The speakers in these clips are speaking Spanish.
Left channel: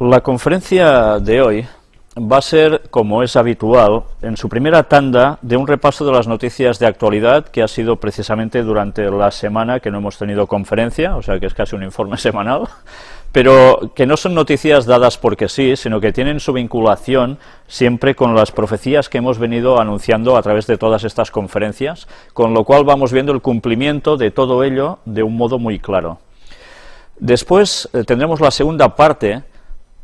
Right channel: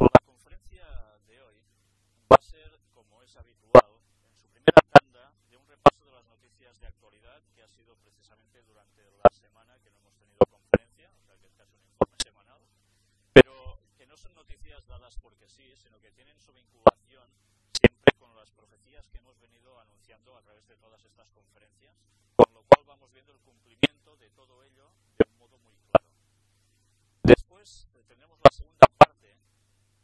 La conferencia de hoy va a ser, como es habitual, en su primera tanda de un repaso de las noticias de actualidad que ha sido precisamente durante la semana que no hemos tenido conferencia, o sea que es casi un informe semanal, pero que no son noticias dadas porque sí, sino que tienen su vinculación siempre con las profecías que hemos venido anunciando a través de todas estas conferencias, con lo cual vamos viendo el cumplimiento de todo ello de un modo muy claro. Después tendremos la segunda parte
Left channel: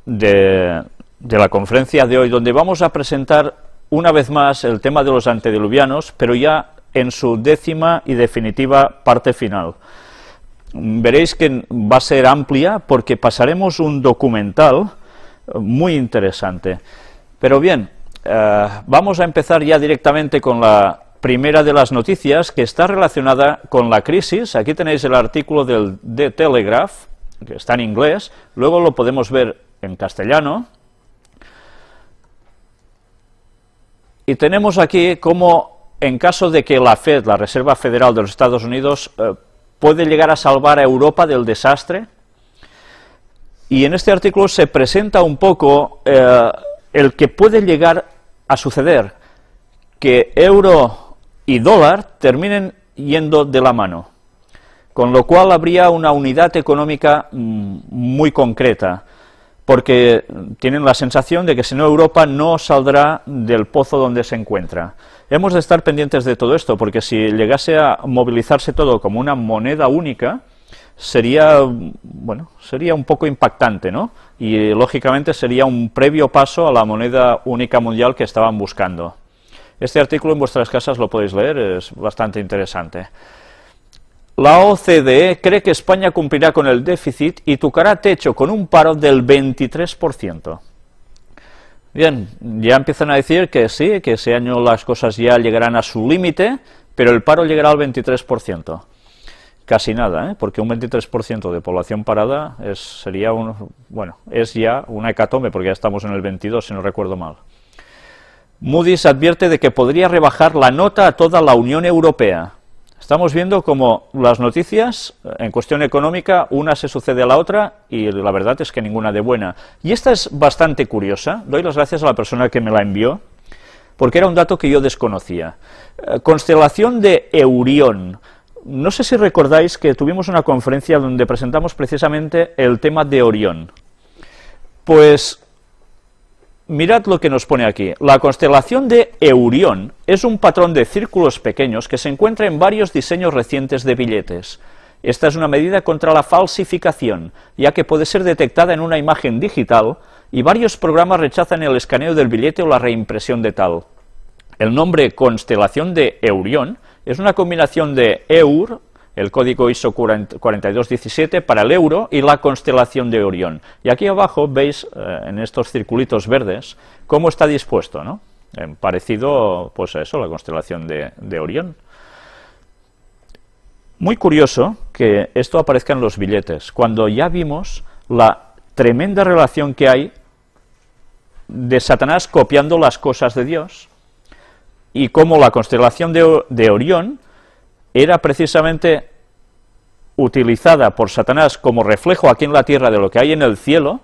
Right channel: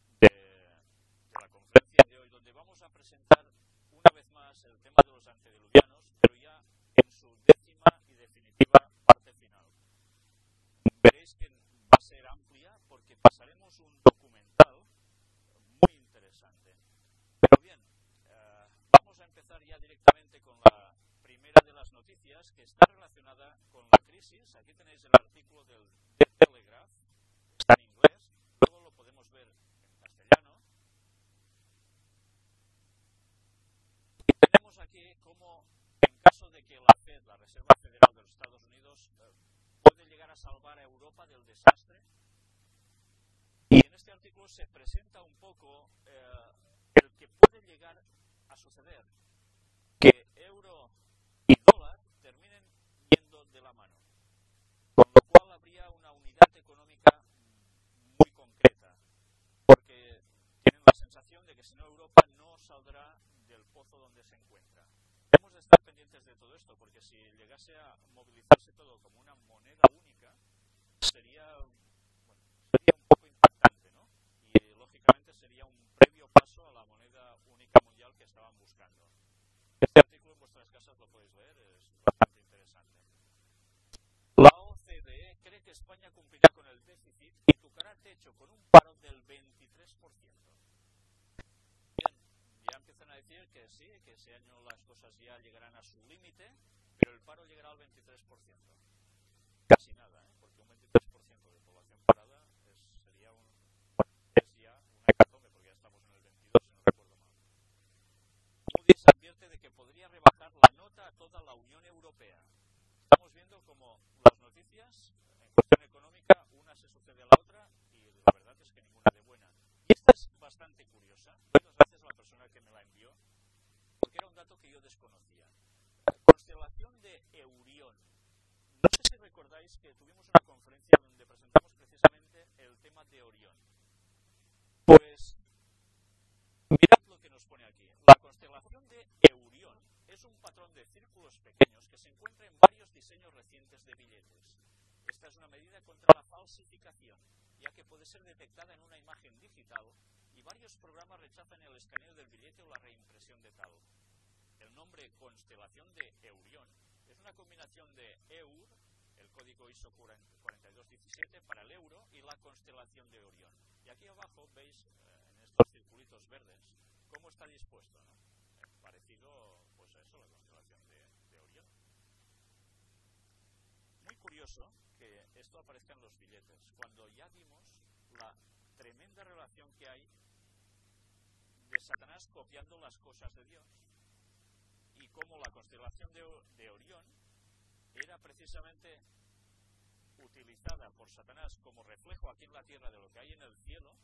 de la conferencia de hoy, donde vamos a presentar una vez más el tema de los antediluvianos, pero ya en su 10ª y definitiva parte final. Veréis que va a ser amplia porque pasaremos un documental muy interesante. Pero bien, vamos a empezar ya directamente con la primera de las noticias, que está relacionada con la crisis. Aquí tenéis el artículo del The Telegraph, que está en inglés, luego lo podemos ver en castellano. Y tenemos aquí cómo, en caso de que la Fed, la Reserva Federal de los Estados Unidos, puede llegar a salvar a Europa del desastre. Y en este artículo se presenta un poco el que puede llegar a suceder, que euro y dólar terminen yendo de la mano, con lo cual habría una unidad económica muy concreta, porque tienen la sensación de que si no Europa no saldrá del pozo donde se encuentra. Hemos de estar pendientes de todo esto, porque si llegase a movilizarse todo como una moneda única, sería, bueno, sería un poco impactante, ¿no? Y lógicamente sería un previo paso a la moneda única mundial que estaban buscando. Este artículo en vuestras casas lo podéis leer, es bastante interesante. La OCDE cree que España cumplirá con el déficit y tocará techo con un paro del 23%. Bien, ya empiezan a decir que sí, que ese año las cosas ya llegarán a su límite, pero el paro llegará al 23%. Casi nada, porque un 23% de población parada sería es ya una hecatombe, porque ya estamos en el 22, si no recuerdo mal. Moody's advierte de que podría rebajar la nota a toda la Unión Europea. Estamos viendo como las noticias, en cuestión económica, una se sucede a la otra, y la verdad es que ninguna de buena. Y esta es bastante curiosa, doy las gracias a la persona que me la envió, porque era un dato que yo desconocía. Constelación de Eurión. No sé si recordáis que tuvimos una conferencia donde presentamos precisamente el tema de Orión. Pues mirad lo que nos pone aquí. La constelación de Eurión es un patrón de círculos pequeños que se encuentra en varios diseños recientes de billetes. Esta es una medida contra la falsificación, ya que puede ser detectada en una imagen digital y varios programas rechazan el escaneo del billete o la reimpresión de tal. El nombre constelación de Eurión es una combinación de EUR, el código ISO 4217 para el euro, y la constelación de Orión. Y aquí abajo veis, en estos circulitos verdes, cómo está dispuesto, ¿no? Parecido, pues a eso, la constelación de Orión. Muy curioso que esto aparezca en los billetes, cuando ya vimos la tremenda relación que hay de Satanás copiando las cosas de Dios, y cómo la constelación de Orión era precisamente utilizada por Satanás como reflejo aquí en la tierra de lo que hay en el cielo,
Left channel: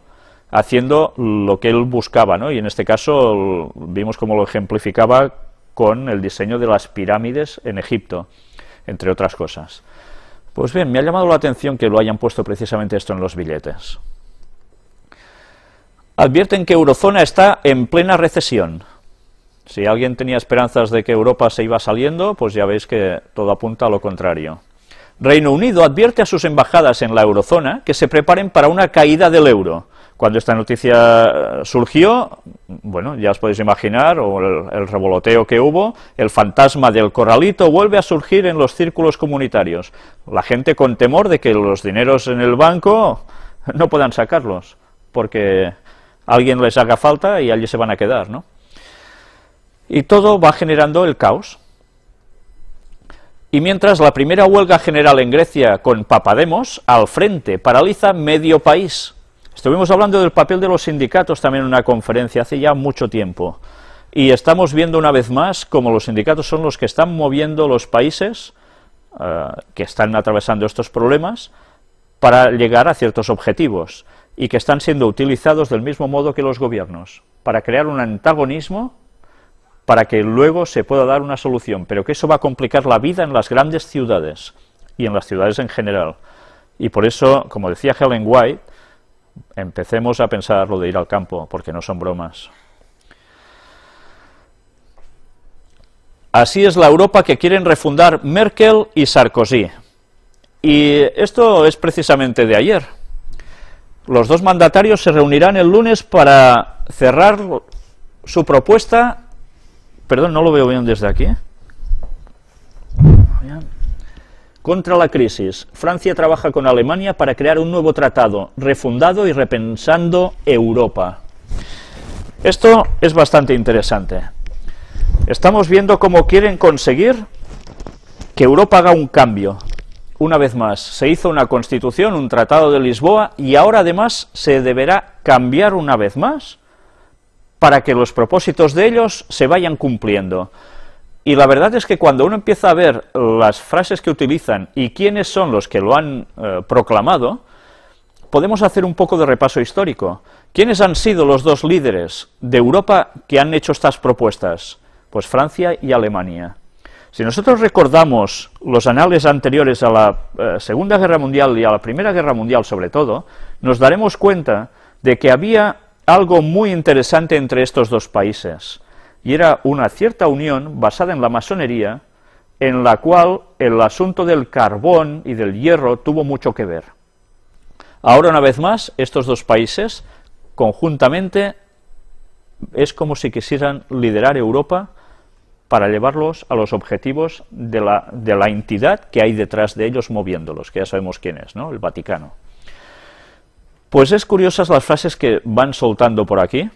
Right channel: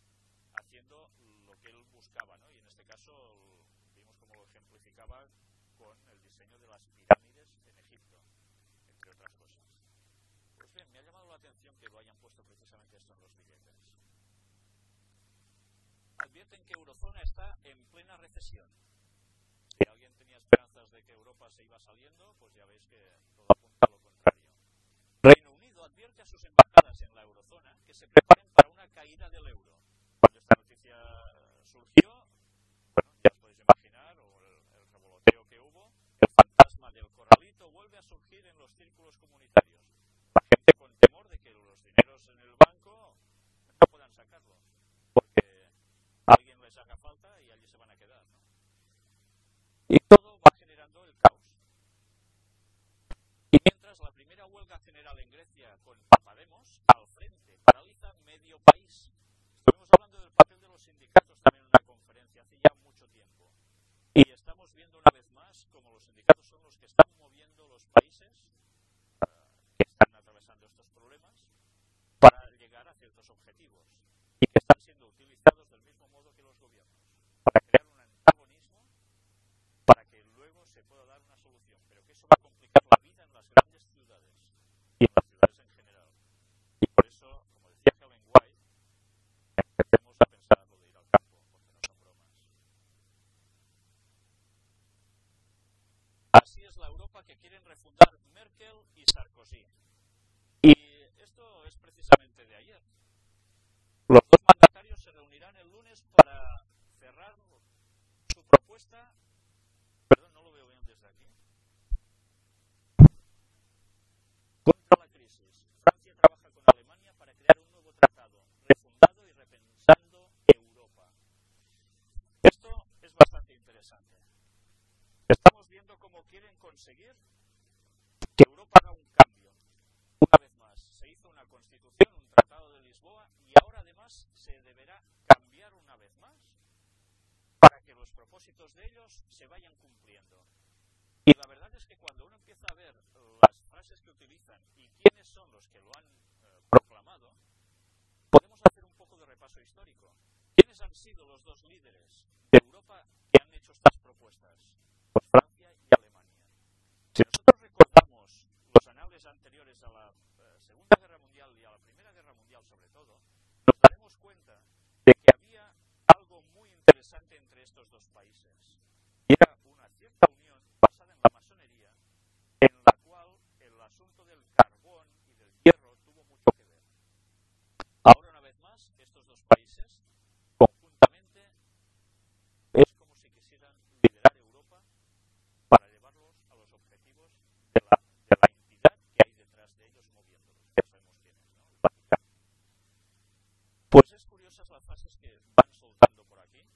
haciendo lo que él buscaba, ¿no? Y en este caso vimos cómo lo ejemplificaba con el diseño de las pirámides en Egipto, entre otras cosas. Pues bien, me ha llamado la atención que lo hayan puesto precisamente esto en los billetes. Advierten que Eurozona está en plena recesión. Si alguien tenía esperanzas de que Europa se iba saliendo, pues ya veis que todo apunta a lo contrario. Reino Unido advierte a sus embajadas en la eurozona que se preparen para una caída del euro. Cuando esta noticia surgió, bueno, ya os podéis imaginar, o el revoloteo que hubo, el fantasma del corralito vuelve a surgir en los círculos comunitarios. La gente con temor de que los dineros en el banco no puedan sacarlos, porque alguien les haga falta y allí se van a quedar, ¿no? Y todo va generando el caos. Y mientras la primera huelga general en Grecia con Papademos al frente paraliza medio país. Estuvimos hablando del papel de los sindicatos también en una conferencia hace ya mucho tiempo. Y estamos viendo una vez más cómo los sindicatos son los que están moviendo los países que están atravesando estos problemas para llegar a ciertos objetivos. y que están siendo utilizados del mismo modo que los gobiernos, para crear un antagonismo para que luego se pueda dar una solución, pero que eso va a complicar la vida en las grandes ciudades y en las ciudades en general. Y por eso, como decía Ellen White, empecemos a pensar lo de ir al campo, porque no son bromas. Así es la Europa que quieren refundar Merkel y Sarkozy. Y esto es precisamente de ayer. Los dos mandatarios se reunirán el lunes para cerrar su propuesta. Perdón, no lo veo bien desde aquí. Contra la crisis. Francia trabaja con Alemania para crear un nuevo tratado, refundado y repensando Europa. Esto es bastante interesante. Estamos viendo cómo quieren conseguir que Europa haga un cambio. Una vez más, se hizo una constitución, un tratado de Lisboa, y ahora además se deberá cambiar una vez más para que los propósitos de ellos se vayan cumpliendo. Y la verdad es que cuando uno empieza a ver las frases que utilizan y quiénes son los que lo han proclamado, podemos hacer un poco de repaso histórico. ¿Quiénes han sido los dos líderes de Europa que han hecho estas propuestas? Pues Francia y Alemania. Si nosotros recordamos los anales anteriores a la Segunda Guerra Mundial y a la Primera Guerra Mundial sobre todo, nos daremos cuenta de que había algo muy interesante entre estos dos países, y era una cierta unión basada en la masonería, en la cual el asunto del carbón y del hierro tuvo mucho que ver. Ahora, una vez más, estos dos países, conjuntamente, es como si quisieran liderar Europa para llevarlos a los objetivos de la entidad que hay detrás de ellos moviéndolos, que ya sabemos quién es, ¿no? El Vaticano. Pues es curiosas las frases que van soltando por aquí,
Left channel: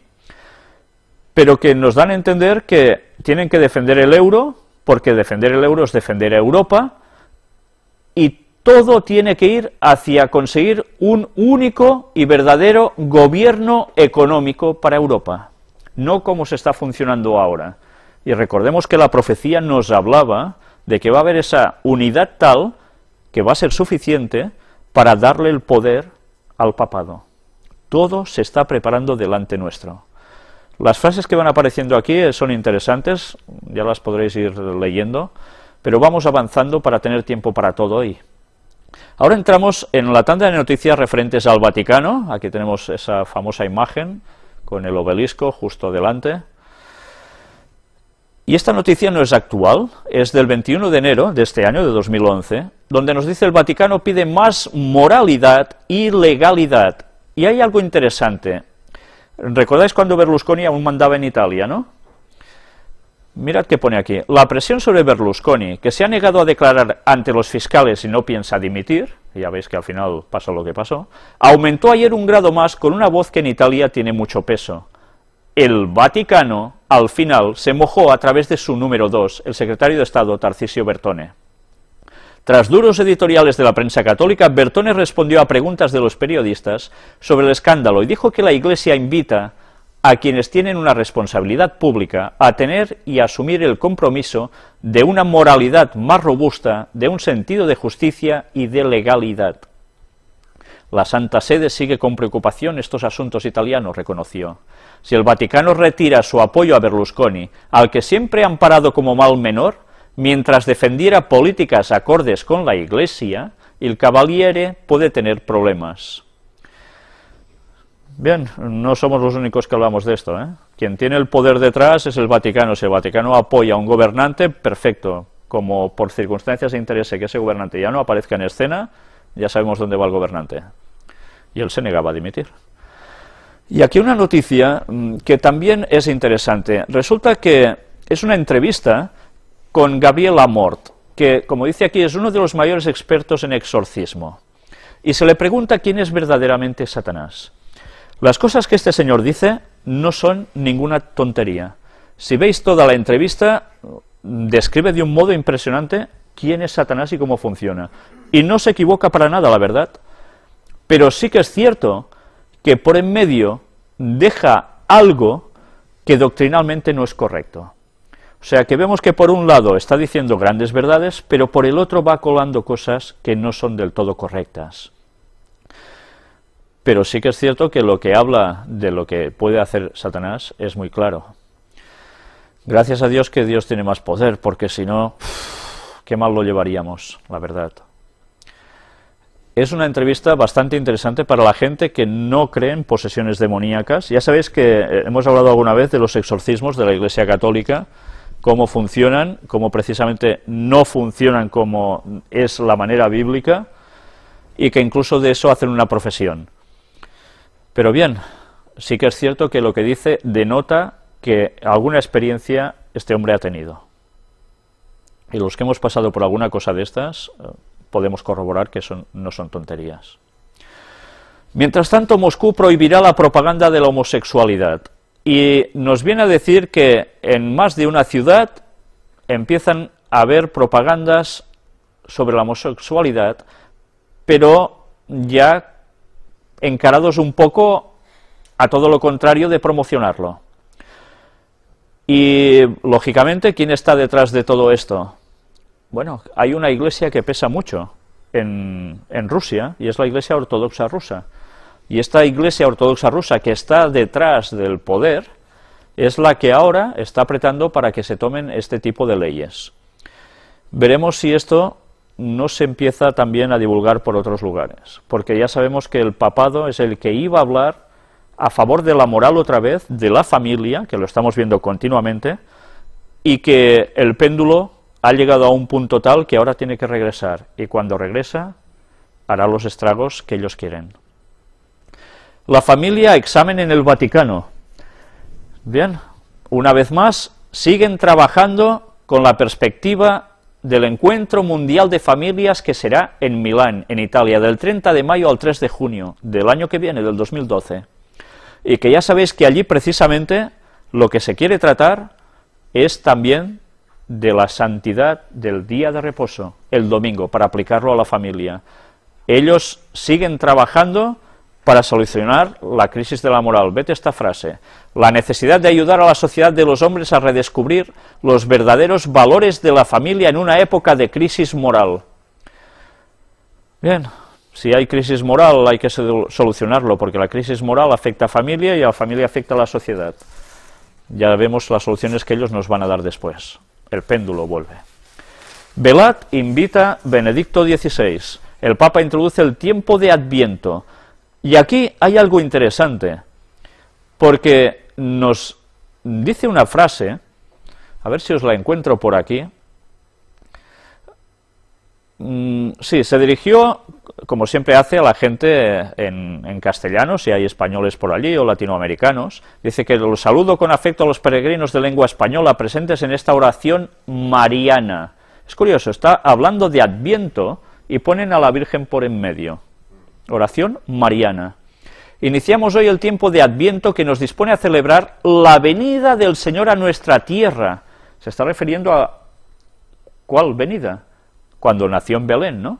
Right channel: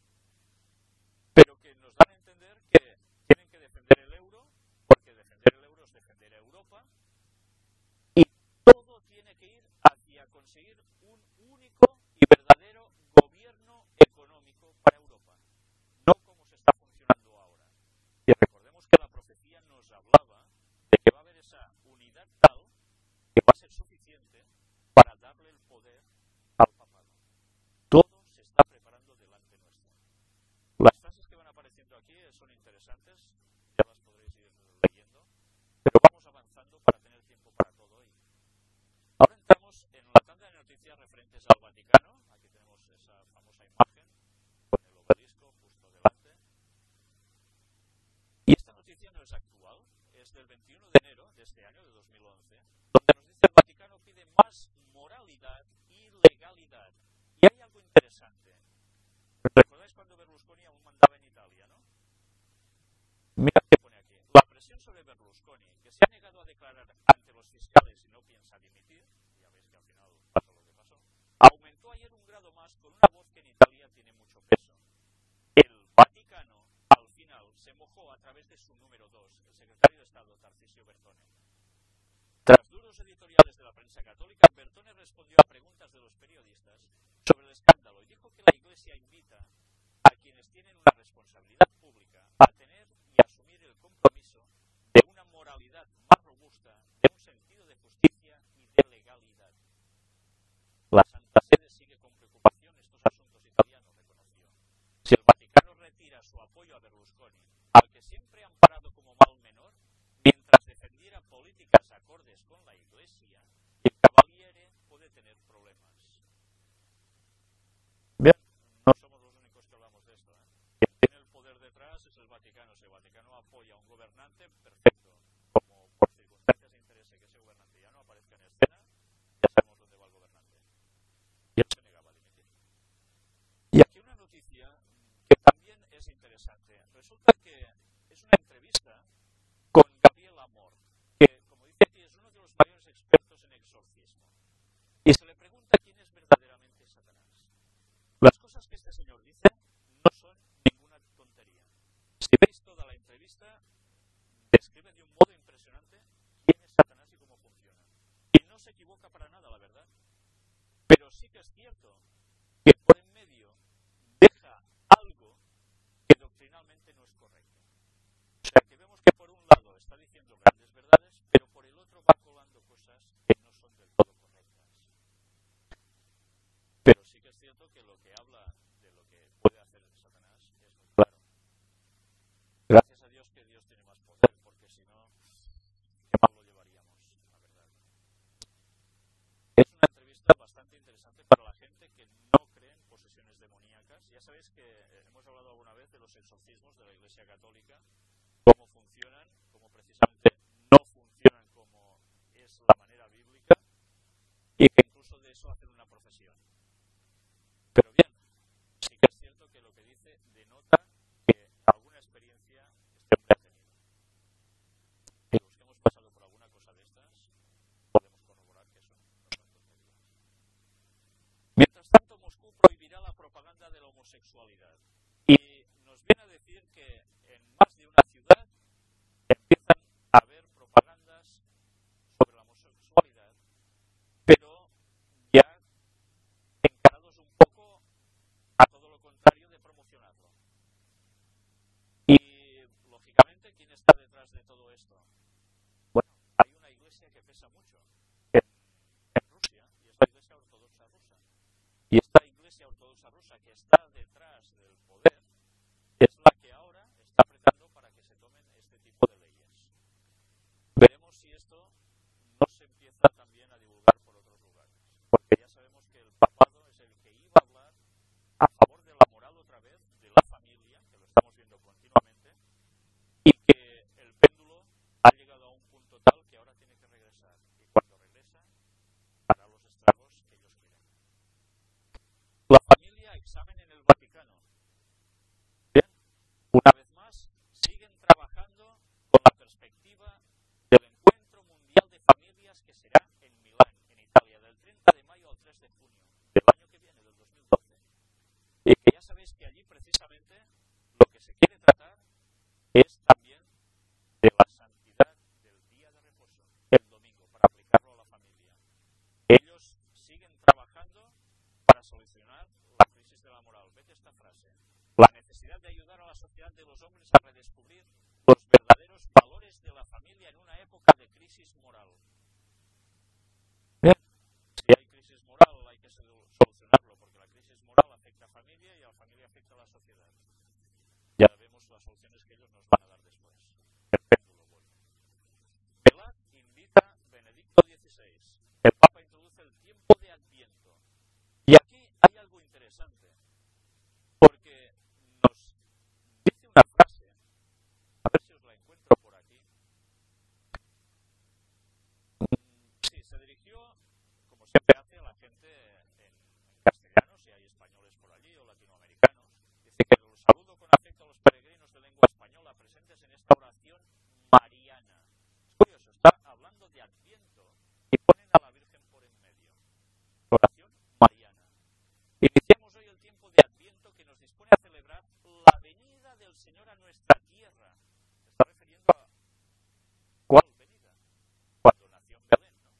pero que nos dan a entender que tienen que defender el euro, porque defender el euro es defender a Europa, y todo tiene que ir hacia conseguir un único y verdadero gobierno económico para Europa, no como se está funcionando ahora. Y recordemos que la profecía nos hablaba de que va a haber esa unidad tal que va a ser suficiente para darle el poder al papado. Todo se está preparando delante nuestro. Las frases que van apareciendo aquí son interesantes, ya las podréis ir leyendo, pero vamos avanzando para tener tiempo para todo hoy. Ahora entramos en la tanda de noticias referentes al Vaticano. Aquí tenemos esa famosa imagen con el obelisco justo delante. Y esta noticia no es actual, es del 21 de enero de este año, de 2011, donde nos dice el Vaticano pide más moralidad y legalidad. Y hay algo interesante. ¿Recordáis cuando Berlusconi aún mandaba en Italia, no? Mirad qué pone aquí. La presión sobre Berlusconi, que se ha negado a declarar ante los fiscales y no piensa dimitir, y ya veis que al final pasó lo que pasó, aumentó ayer un grado más con una voz que en Italia tiene mucho peso. El Vaticano, al final, se mojó a través de su número 2, el secretario de Estado, Tarcisio Bertone. Tras duros editoriales de la prensa católica, Bertone respondió a preguntas de los periodistas sobre el escándalo y dijo que la Iglesia invita a quienes tienen una responsabilidad pública a tener y asumir el compromiso de una moralidad más robusta, de un sentido de justicia y de legalidad. La Santa Sede sigue con preocupación estos asuntos italianos, reconoció. Si el Vaticano retira su apoyo a Berlusconi, al que siempre ha amparado como mal menor, mientras defendiera políticas acordes con la Iglesia, el Cavaliere puede tener problemas. Bien, no somos los únicos que hablamos de esto, ¿eh? Quien tiene el poder detrás es el Vaticano. Si el Vaticano apoya a un gobernante, perfecto. Como por circunstancias de interés que ese gobernante ya no aparezca en escena, ya sabemos dónde va el gobernante. Y él se negaba a dimitir. Y aquí una noticia que también es interesante. Resulta que es una entrevista con Gabriel Amort, que, como dice aquí, es uno de los mayores expertos en exorcismo. Y se le pregunta quién es verdaderamente Satanás. Las cosas que este señor dice no son ninguna tontería. Si veis toda la entrevista, describe de un modo impresionante quién es Satanás y cómo funciona. Y no se equivoca para nada, la verdad. Pero sí que es cierto que por en medio deja algo que doctrinalmente no es correcto. O sea que vemos que por un lado está diciendo grandes verdades, pero por el otro va colando cosas que no son del todo correctas. Pero sí que es cierto que lo que habla de lo que puede hacer Satanás es muy claro. Gracias a Dios que Dios tiene más poder, porque si no, qué mal lo llevaríamos, la verdad. Es una entrevista bastante interesante para la gente que no cree en posesiones demoníacas. Ya sabéis que hemos hablado alguna vez de los exorcismos de la Iglesia Católica, cómo funcionan, cómo precisamente no funcionan como es la manera bíblica, y que incluso de eso hacen una profesión. Pero bien, sí que es cierto que lo que dice denota que alguna experiencia este hombre ha tenido. Y los que hemos pasado por alguna cosa de estas, podemos corroborar que no son tonterías. Mientras tanto, Moscú prohibirá la propaganda de la homosexualidad. Y nos viene a decir que en más de una ciudad empiezan a haber propagandas sobre la homosexualidad, pero ya encarados un poco a todo lo contrario de promocionarlo. Y, lógicamente, ¿quién está detrás de todo esto? Bueno, hay una iglesia que pesa mucho en Rusia, y es la Iglesia Ortodoxa Rusa. Y esta Iglesia Ortodoxa Rusa que está detrás del poder es la que ahora está apretando para que se tomen este tipo de leyes. Veremos si esto no se empieza también a divulgar por otros lugares, porque ya sabemos que el papado es el que iba a hablar a favor de la moral otra vez, de la familia, que lo estamos viendo continuamente, y que el péndulo ha llegado a un punto tal que ahora tiene que regresar, y cuando regresa hará los estragos que ellos quieren. La familia, examen en el Vaticano. Bien, una vez más, siguen trabajando con la perspectiva del Encuentro Mundial de Familias que será en Milán, en Italia, del 30 de mayo al 3 de junio del año que viene, del 2012. Y que ya sabéis que allí precisamente lo que se quiere tratar es también de la santidad del día de reposo, el domingo, para aplicarlo a la familia. Ellos siguen trabajando para solucionar la crisis de la moral. Vete esta frase: la necesidad de ayudar a la sociedad de los hombres a redescubrir los verdaderos valores de la familia en una época de crisis moral. Bien, si hay crisis moral hay que solucionarlo, porque la crisis moral afecta a familia y a la familia afecta a la sociedad. Ya vemos las soluciones que ellos nos van a dar después. El péndulo vuelve. Velat invita Benedicto XVI. El Papa introduce el tiempo de Adviento. Y aquí hay algo interesante, porque nos dice una frase, a ver si os la encuentro por aquí. Sí, se dirigió, como siempre hace, a la gente en castellano, si hay españoles por allí o latinoamericanos. Dice que los saludo con afecto a los peregrinos de lengua española presentes en esta oración mariana. Es curioso, está hablando de Adviento y ponen a la Virgen por en medio. Oración mariana. Iniciamos hoy el tiempo de Adviento que nos dispone a celebrar la venida del Señor a nuestra tierra. Se está refiriendo a ¿cuál venida? Cuando nació en Belén, ¿no?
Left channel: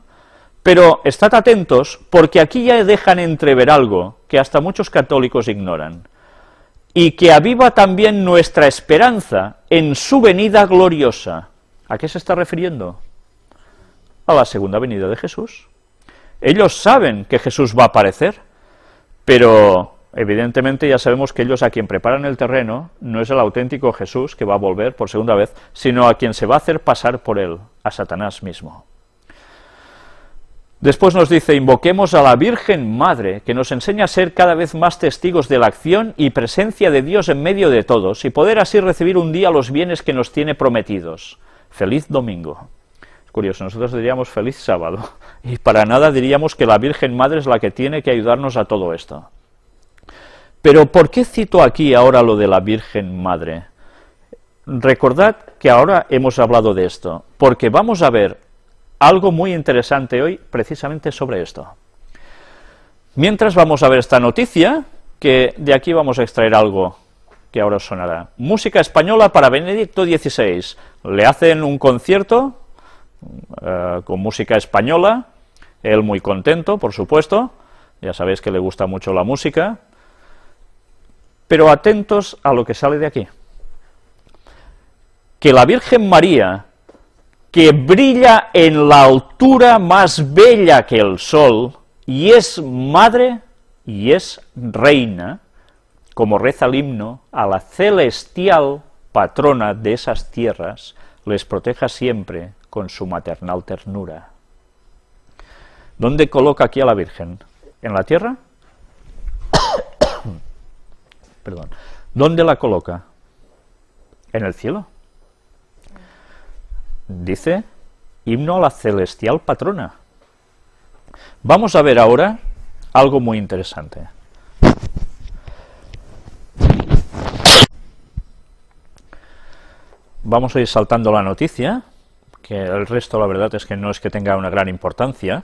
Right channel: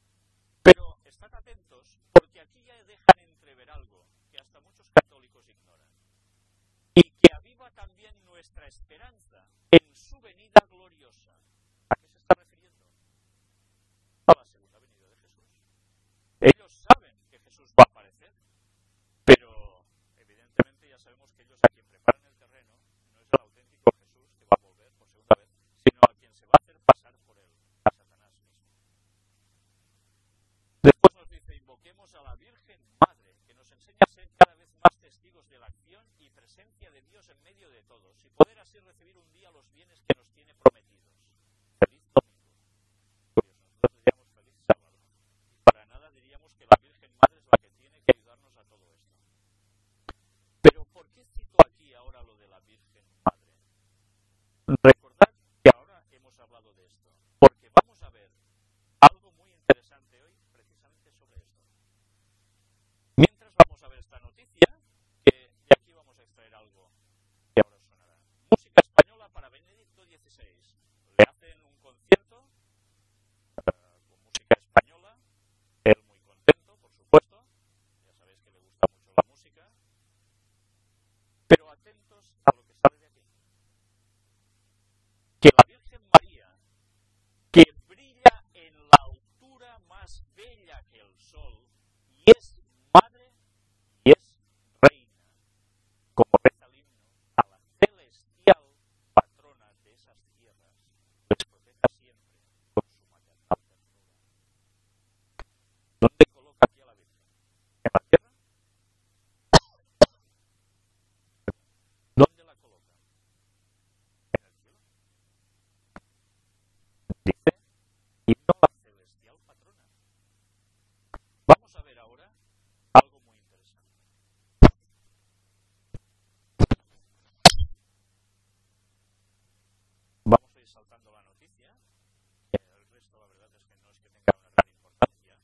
Pero estad atentos, porque aquí ya dejan entrever algo que hasta muchos católicos ignoran, y que aviva también nuestra esperanza en su venida gloriosa. ¿A qué se está refiriendo? A la segunda venida de Jesús. Ellos saben que Jesús va a aparecer, pero evidentemente ya sabemos que ellos a quien preparan el terreno no es el auténtico Jesús que va a volver por segunda vez, sino a quien se va a hacer pasar por él, a Satanás mismo. Después nos dice: invoquemos a la Virgen Madre, que nos enseña a ser cada vez más testigos de la acción y presencia de Dios en medio de todos, y poder así recibir un día los bienes que nos tiene prometidos. Feliz domingo. Curioso, nosotros diríamos feliz sábado, y para nada diríamos que la Virgen Madre es la que tiene que ayudarnos a todo esto. Pero ¿por qué cito aquí ahora lo de la Virgen Madre? Recordad que ahora hemos hablado de esto, porque vamos a ver algo muy interesante hoy precisamente sobre esto. Mientras vamos a ver esta noticia, que de aquí vamos a extraer algo que ahora os sonará. Música española para Benedicto XVI. Le hacen un concierto con música española, él muy contento, por supuesto, ya sabéis que le gusta mucho la música, pero atentos a lo que sale de aquí. Que la Virgen María, que brilla en la altura más bella que el sol, y es madre, y es reina, como reza el himno, a la celestial patrona de esas tierras, les proteja siempre con su maternal ternura. ¿Dónde coloca aquí a la Virgen? ¿En la tierra? Perdón. ¿Dónde la coloca? En el cielo. Dice, himno a la celestial patrona. Vamos a ver ahora algo muy interesante. Vamos a ir saltando la noticia, que el resto la verdad es que no es que tenga una gran importancia,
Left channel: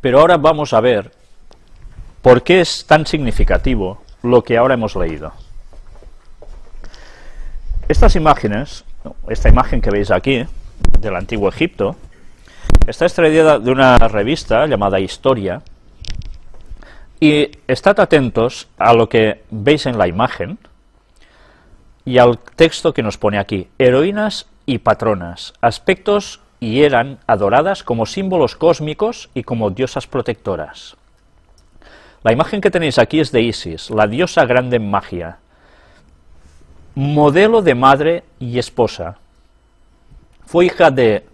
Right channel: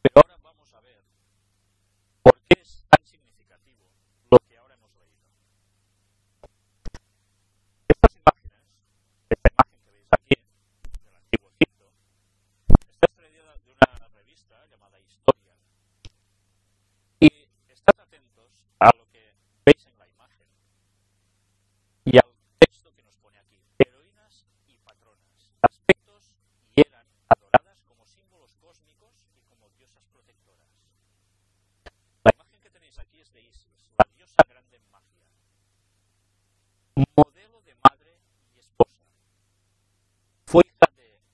pero ahora vamos a ver por qué es tan significativo lo que ahora hemos leído. Estas imágenes, esta imagen que veis aquí, del Antiguo Egipto, está extraída de una revista llamada Historia, y estad atentos a lo que veis en la imagen, y al texto que nos pone aquí, heroínas y patronas, aspectos y eran adoradas como símbolos cósmicos y como diosas protectoras. La imagen que tenéis aquí es de Isis, la diosa grande en magia, modelo de madre y esposa. Fue hija de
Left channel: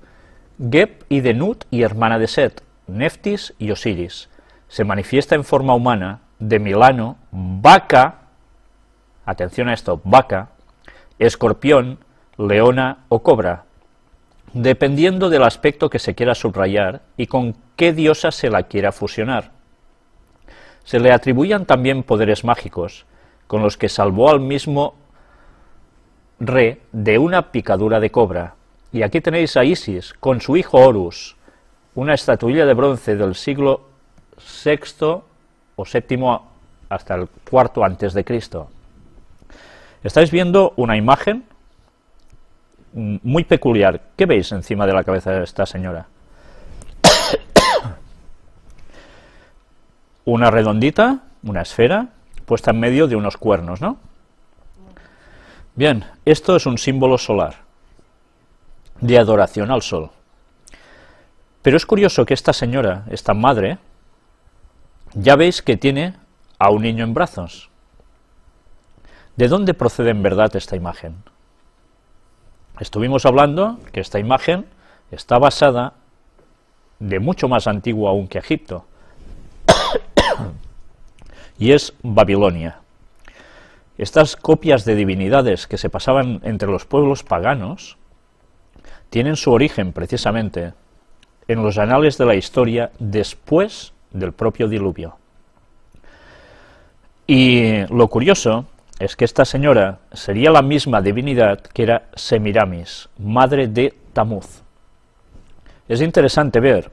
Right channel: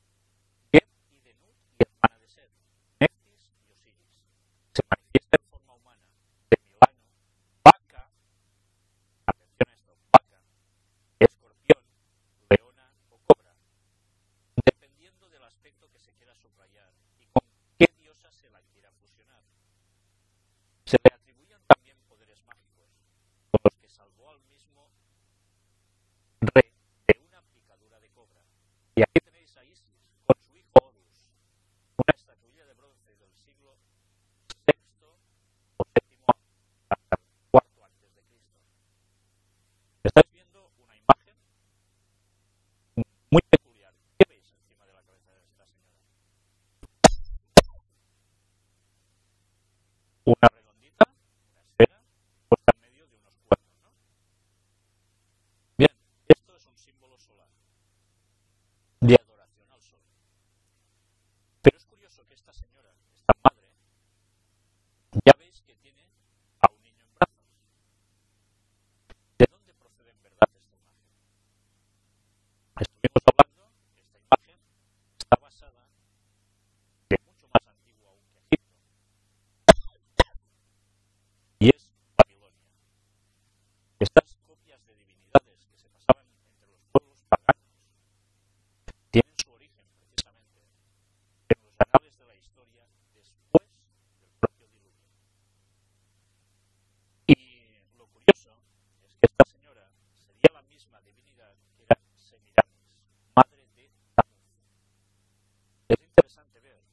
Geb y de Nut y hermana de Set, Neftis y Osiris. Se manifiesta en forma humana de Milano, vaca, atención a esto, vaca, escorpión, leona o cobra, dependiendo del aspecto que se quiera subrayar y con qué diosa se la quiera fusionar. Se le atribuían también poderes mágicos, con los que salvó al mismo Re de una picadura de cobra. Y aquí tenéis a Isis con su hijo Horus, una estatuilla de bronce del siglo VI o VII hasta el IV antes de Cristo. Estáis viendo una imagen muy peculiar. ¿Qué veis encima de la cabeza de esta señora? Una redondita, una esfera, puesta en medio de unos cuernos, ¿no? Bien, esto es un símbolo solar, de adoración al sol. Pero es curioso que esta señora, esta madre, ya veis que tiene a un niño en brazos. ¿De dónde procede en verdad esta imagen? Estuvimos hablando que esta imagen está basada de mucho más antiguo aún que Egipto, y es Babilonia. Estas copias de divinidades que se pasaban entre los pueblos paganos tienen su origen precisamente en los anales de la historia después del propio diluvio. Y lo curioso es que esta señora sería la misma divinidad que era Semiramis, madre de Tamuz. Es interesante ver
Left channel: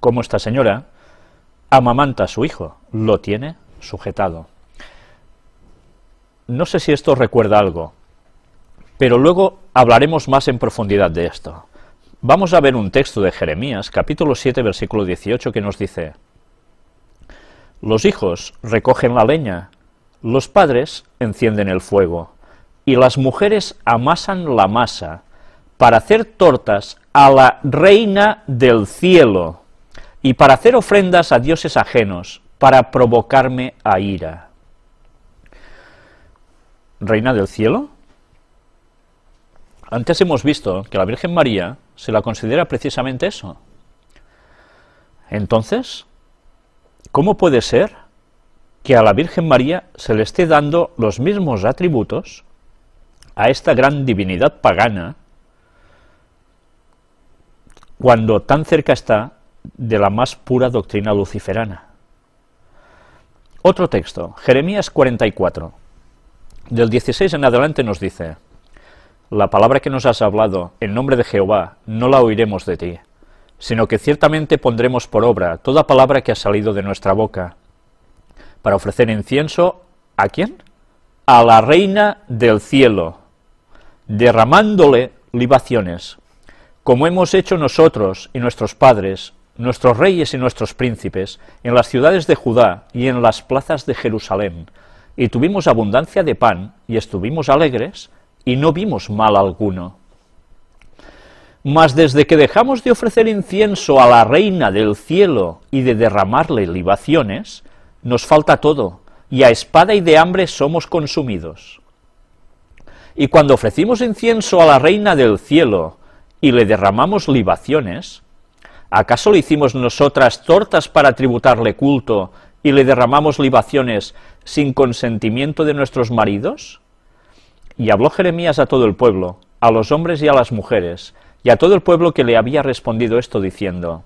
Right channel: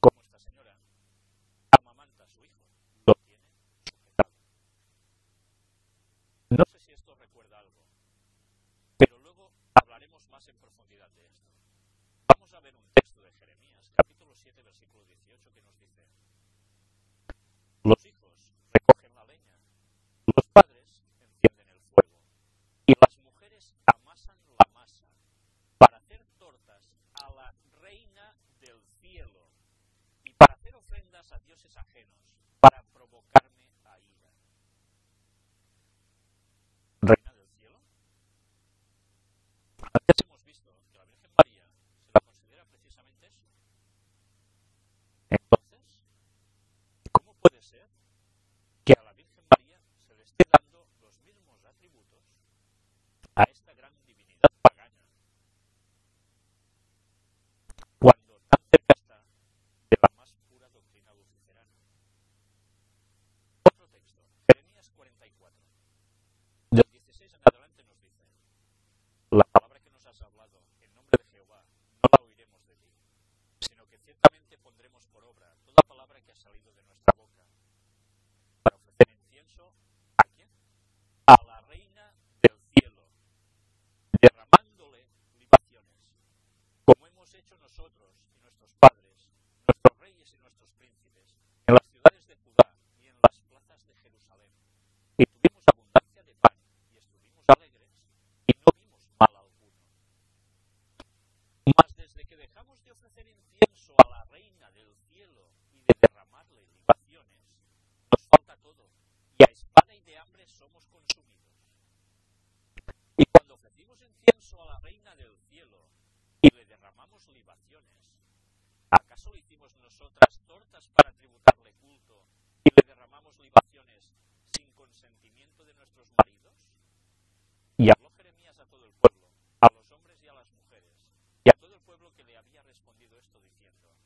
cómo esta señora amamanta a su hijo, lo tiene sujetado. No sé si esto recuerda algo, pero luego hablaremos más en profundidad de esto. Vamos a ver un texto de Jeremías, capítulo 7, versículo 18, que nos dice: los hijos recogen la leña, los padres encienden el fuego, y las mujeres amasan la masa para hacer tortas a la reina del cielo y para hacer ofrendas a dioses ajenos, para provocarme a ira. ¿Reina del cielo? Antes hemos visto que la Virgen María se la considera precisamente eso. Entonces, ¿cómo puede ser que a la Virgen María se le esté dando los mismos atributos a esta gran divinidad pagana cuando tan cerca está de la más pura doctrina luciferana? Otro texto, Jeremías 44, del 16 en adelante nos dice: la palabra que nos has hablado en nombre de Jehová no la oiremos de ti, sino que ciertamente pondremos por obra toda palabra que ha salido de nuestra boca, para ofrecer incienso, ¿a quién? A la reina del cielo, derramándole libaciones, como hemos hecho nosotros y nuestros padres, nuestros reyes y nuestros príncipes, en las ciudades de Judá y en las plazas de Jerusalén, y tuvimos abundancia de pan, y estuvimos alegres, y no vimos mal alguno. Mas desde que dejamos de ofrecer incienso a la reina del cielo y de derramarle libaciones, nos falta todo, y a espada y de hambre somos consumidos. Y cuando ofrecimos incienso a la Reina del Cielo y le derramamos libaciones, ¿acaso le hicimos nosotras tortas para tributarle culto y le derramamos libaciones sin consentimiento de nuestros maridos? Y habló Jeremías a todo el pueblo, a los hombres y a las mujeres, y a todo el pueblo que le había respondido esto, diciendo:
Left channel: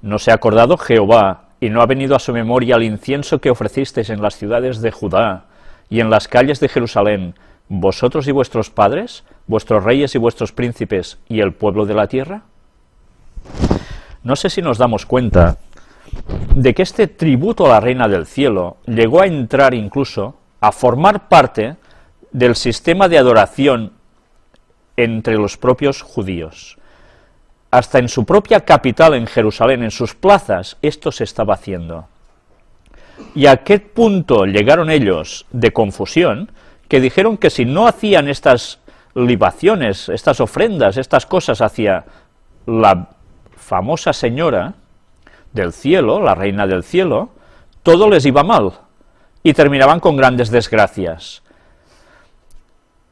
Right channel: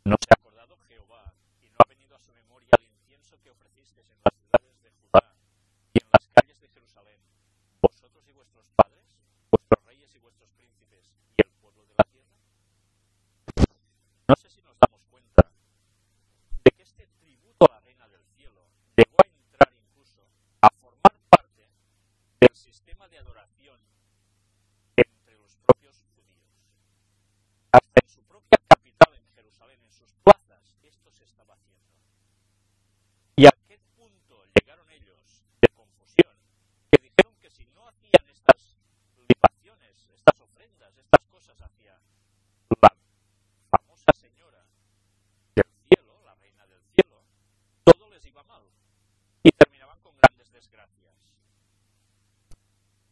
¿No se ha acordado Jehová, y no ha venido a su memoria el incienso que ofrecisteis en las ciudades de Judá y en las calles de Jerusalén, vosotros y vuestros padres, vuestros reyes y vuestros príncipes, y el pueblo de la tierra? No sé si nos damos cuenta de que este tributo a la Reina del Cielo llegó a entrar incluso a formar parte del sistema de adoración entre los propios judíos. Hasta en su propia capital, en Jerusalén, en sus plazas, esto se estaba haciendo. ¿Y a qué punto llegaron ellos de confusión? Que dijeron que si no hacían estas libaciones, estas ofrendas, estas cosas hacia la famosa señora del cielo, la Reina del Cielo, todo les iba mal y terminaban con grandes desgracias.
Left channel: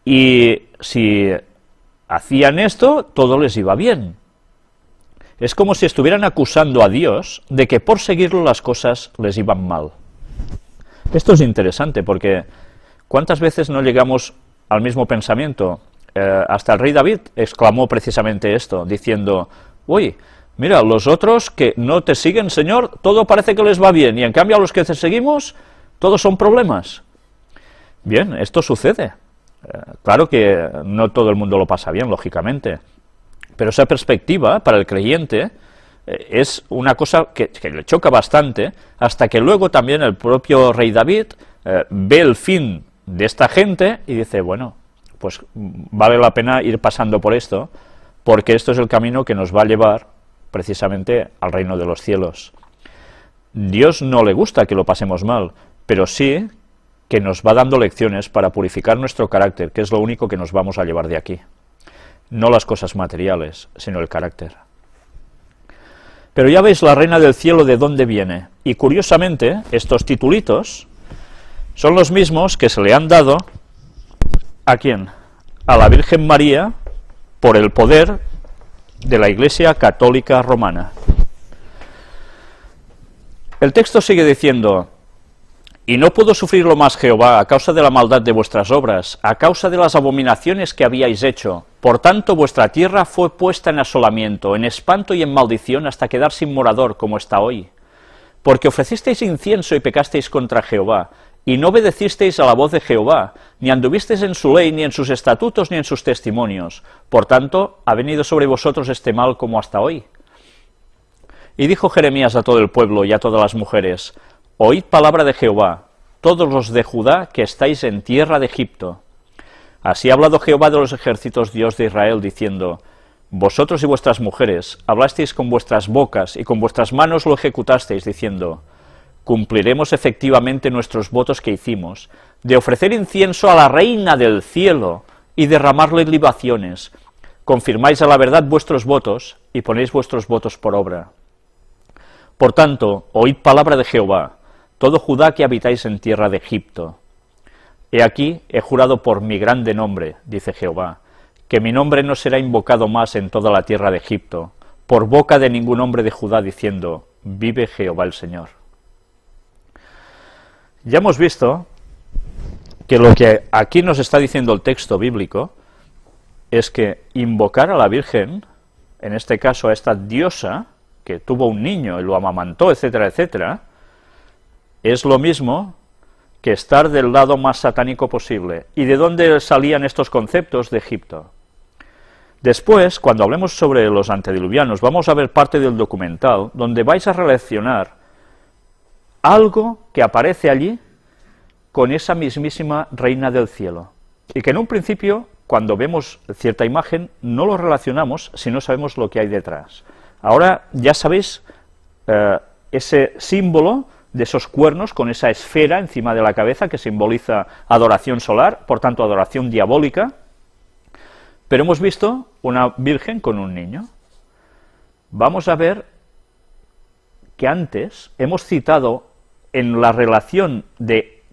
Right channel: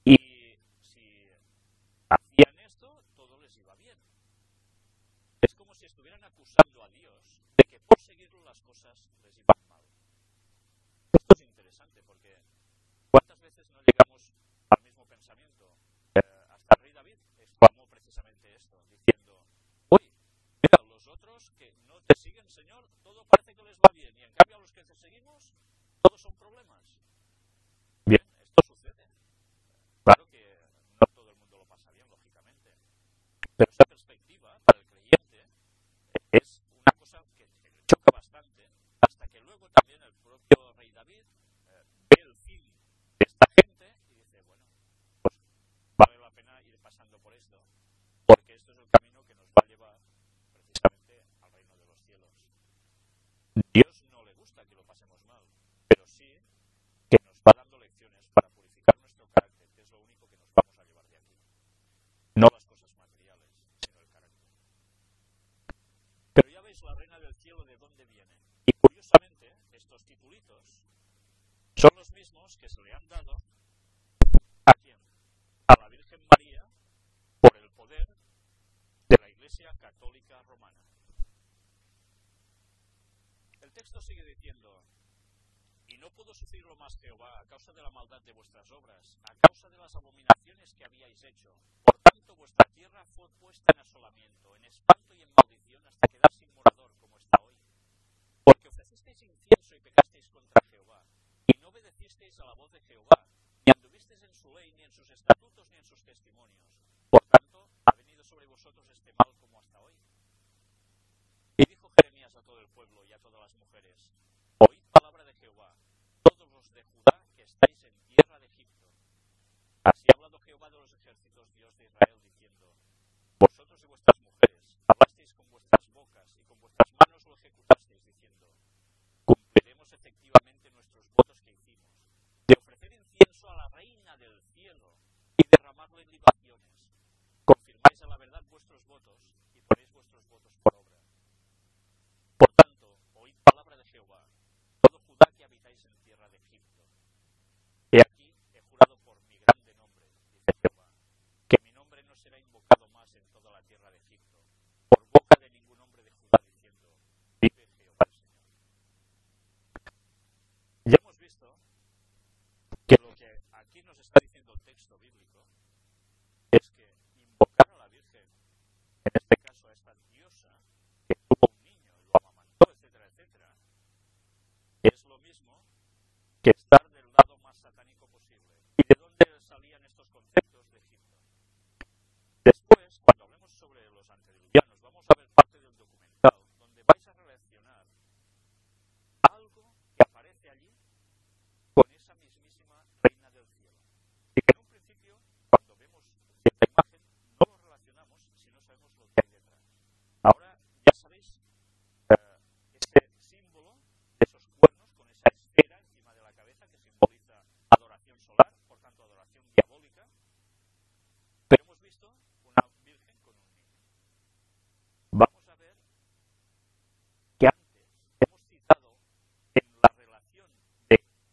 Y si hacían esto, todo les iba bien. Es como si estuvieran acusando a Dios de que por seguirlo las cosas les iban mal. Esto es interesante porque ¿cuántas veces no llegamos al mismo pensamiento? Hasta el rey David exclamó precisamente esto, diciendo: uy, mira, los otros que no te siguen, Señor, todo parece que les va bien, y en cambio a los que te seguimos, todos son problemas. Bien, esto sucede. Claro que no todo el mundo lo pasa bien, lógicamente, pero esa perspectiva para el creyente es una cosa que le choca bastante, hasta que luego también el propio rey David ve el fin de esta gente y dice: bueno, pues vale la pena ir pasando por esto, porque esto es el camino que nos va a llevar precisamente al reino de los cielos. Dios no le gusta que lo pasemos mal, pero sí que nos va dando lecciones para purificar nuestro carácter, que es lo único que nos vamos a llevar de aquí. No las cosas materiales, sino el carácter. Pero ya veis la Reina del Cielo de dónde viene. Y curiosamente, estos titulitos son los mismos que se le han dado ¿a quién? A la Virgen María, por el poder de la Iglesia Católica Romana. El texto sigue diciendo: y no pudo sufrirlo más Jehová a causa de la maldad de vuestras obras, a causa de las abominaciones que habíais hecho. Por tanto vuestra tierra fue puesta en asolamiento, en espanto y en maldición, hasta quedar sin morador, como está hoy. Porque ofrecisteis incienso y pecasteis contra Jehová, y no obedecisteis a la voz de Jehová, ni anduvisteis en su ley, ni en sus estatutos, ni en sus testimonios. Por tanto, ha venido sobre vosotros este mal como hasta hoy. Y dijo Jeremías a todo el pueblo y a todas las mujeres: oíd palabra de Jehová, todos los de Judá que estáis en tierra de Egipto. Así ha hablado Jehová de los ejércitos, Dios de Israel, diciendo: vosotros y vuestras mujeres hablasteis con vuestras bocas y con vuestras manos lo ejecutasteis, diciendo: cumpliremos efectivamente nuestros votos que hicimos, de ofrecer incienso a la Reina del Cielo y derramarle libaciones. Confirmáis a la verdad vuestros votos y ponéis vuestros votos por obra. Por tanto, oíd palabra de Jehová, todo Judá que habitáis en tierra de Egipto. He aquí, he jurado por mi grande nombre, dice Jehová, que mi nombre no será invocado más en toda la tierra de Egipto, por boca de ningún hombre de Judá, diciendo: vive Jehová el Señor. Ya hemos visto que lo que aquí nos está diciendo el texto bíblico es que invocar a la Virgen, en este caso a esta diosa, que tuvo un niño y lo amamantó, etcétera, etcétera, es lo mismo que estar del lado más satánico posible. ¿Y de dónde salían estos conceptos? De Egipto. Después, cuando hablemos sobre los antediluvianos, vamos a ver parte del documental donde vais a relacionar algo que aparece allí con esa mismísima Reina del Cielo. Y que en un principio, cuando vemos cierta imagen, no lo relacionamos si no sabemos lo que hay detrás. Ahora ya sabéis ese símbolo de esos cuernos con esa esfera encima de la cabeza que simboliza adoración solar, por tanto adoración diabólica, pero hemos visto una virgen con un niño. Vamos a ver que antes hemos citado en la relación de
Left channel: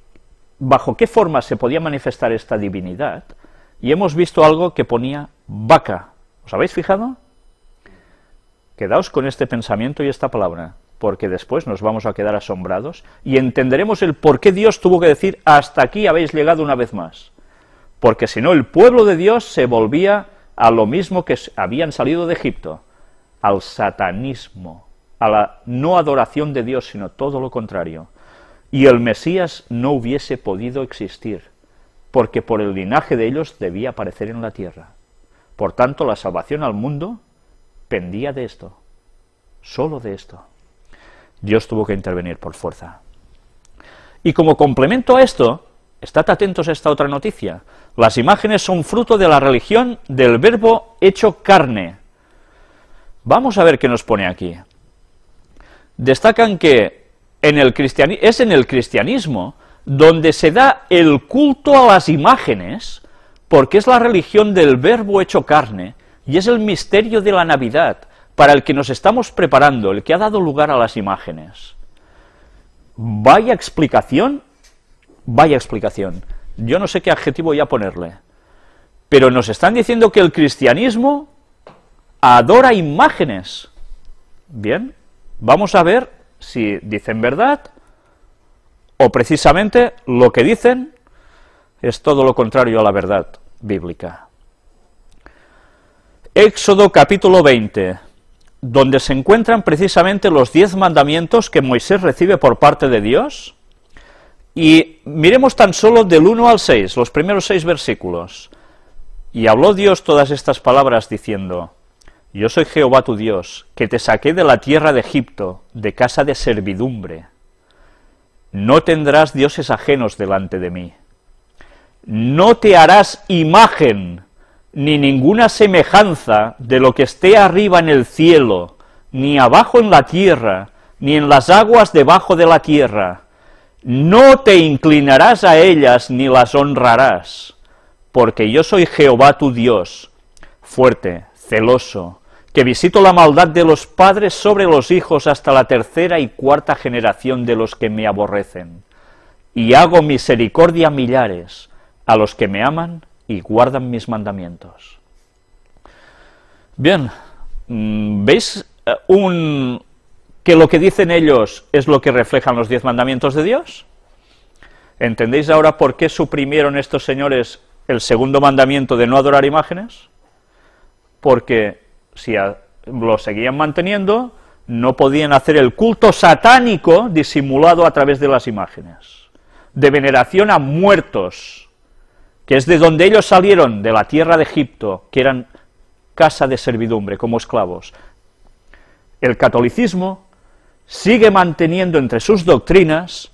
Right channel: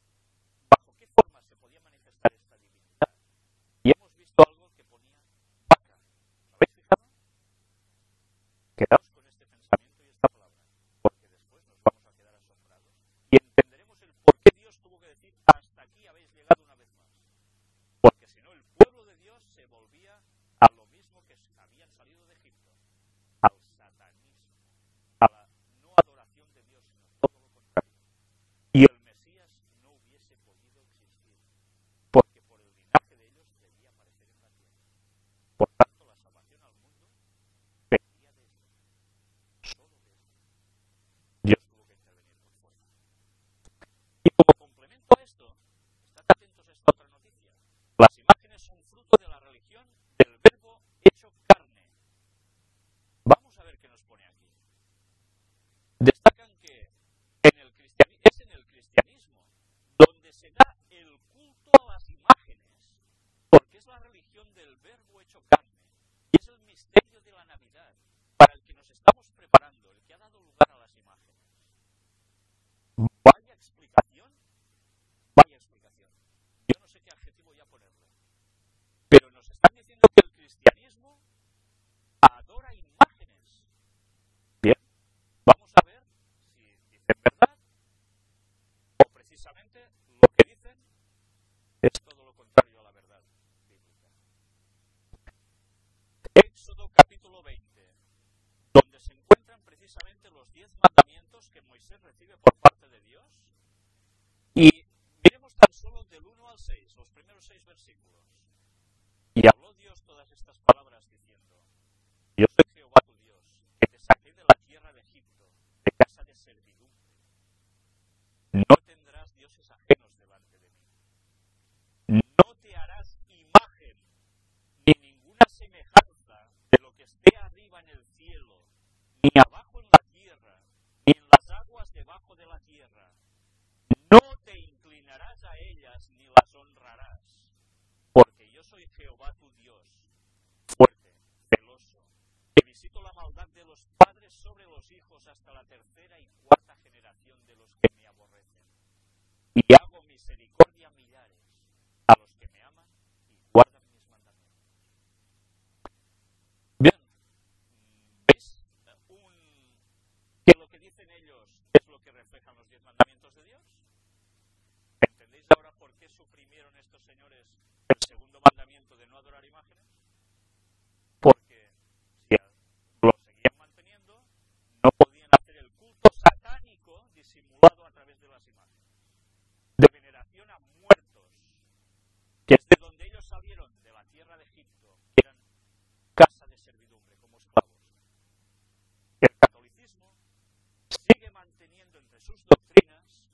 bajo qué forma se podía manifestar esta divinidad, y hemos visto algo que ponía vaca. ¿Os habéis fijado? Quedaos con este pensamiento y esta palabra, porque después nos vamos a quedar asombrados y entenderemos el por qué Dios tuvo que decir hasta aquí habéis llegado una vez más. Porque si no, el pueblo de Dios se volvía a lo mismo que habían salido de Egipto, al satanismo, a la no adoración de Dios, sino todo lo contrario. Y el Mesías no hubiese podido existir, porque por el linaje de ellos debía aparecer en la tierra. Por tanto, la salvación al mundo pendía de esto, solo de esto. Dios tuvo que intervenir por fuerza. Y como complemento a esto, estad atentos a esta otra noticia. Las imágenes son fruto de la religión del Verbo hecho carne. Vamos a ver qué nos pone aquí. Destacan que es en el cristianismo donde se da el culto a las imágenes, porque es la religión del Verbo hecho carne, y es el misterio de la Navidad, para el que nos estamos preparando, el que ha dado lugar a las imágenes. Vaya explicación, vaya explicación. Yo no sé qué adjetivo voy a ponerle, pero nos están diciendo que el cristianismo adora imágenes. Bien, vamos a ver si dicen verdad, o precisamente lo que dicen es todo lo contrario a la verdad bíblica. Éxodo capítulo 20, donde se encuentran precisamente los 10 mandamientos que Moisés recibe por parte de Dios, y miremos tan solo del 1 al 6, los primeros 6 versículos. Y habló Dios todas estas palabras diciendo: Yo soy Jehová tu Dios, que te saqué de la tierra de Egipto, de casa de servidumbre. No tendrás dioses ajenos delante de mí. No te harás imagen, ni ninguna semejanza de lo que esté arriba en el cielo, ni abajo en la tierra, ni en las aguas debajo de la tierra. No te inclinarás a ellas, ni las honrarás, porque yo soy Jehová tu Dios, fuerte, celoso, que visito la maldad de los padres sobre los hijos hasta la 3ª y 4ª generación de los que me aborrecen, y hago misericordia a millares, a los que me aman y guardan mis mandamientos. Bien, ¿veis que lo que dicen ellos es lo que reflejan los 10 mandamientos de Dios? ¿Entendéis ahora por qué suprimieron estos señores el segundo mandamiento de no adorar imágenes? Porque si lo seguían manteniendo, no podían hacer el culto satánico disimulado a través de las imágenes, de veneración a muertos, que es de donde ellos salieron, de la tierra de Egipto, que eran casa de servidumbre, como esclavos. El catolicismo sigue manteniendo entre sus doctrinas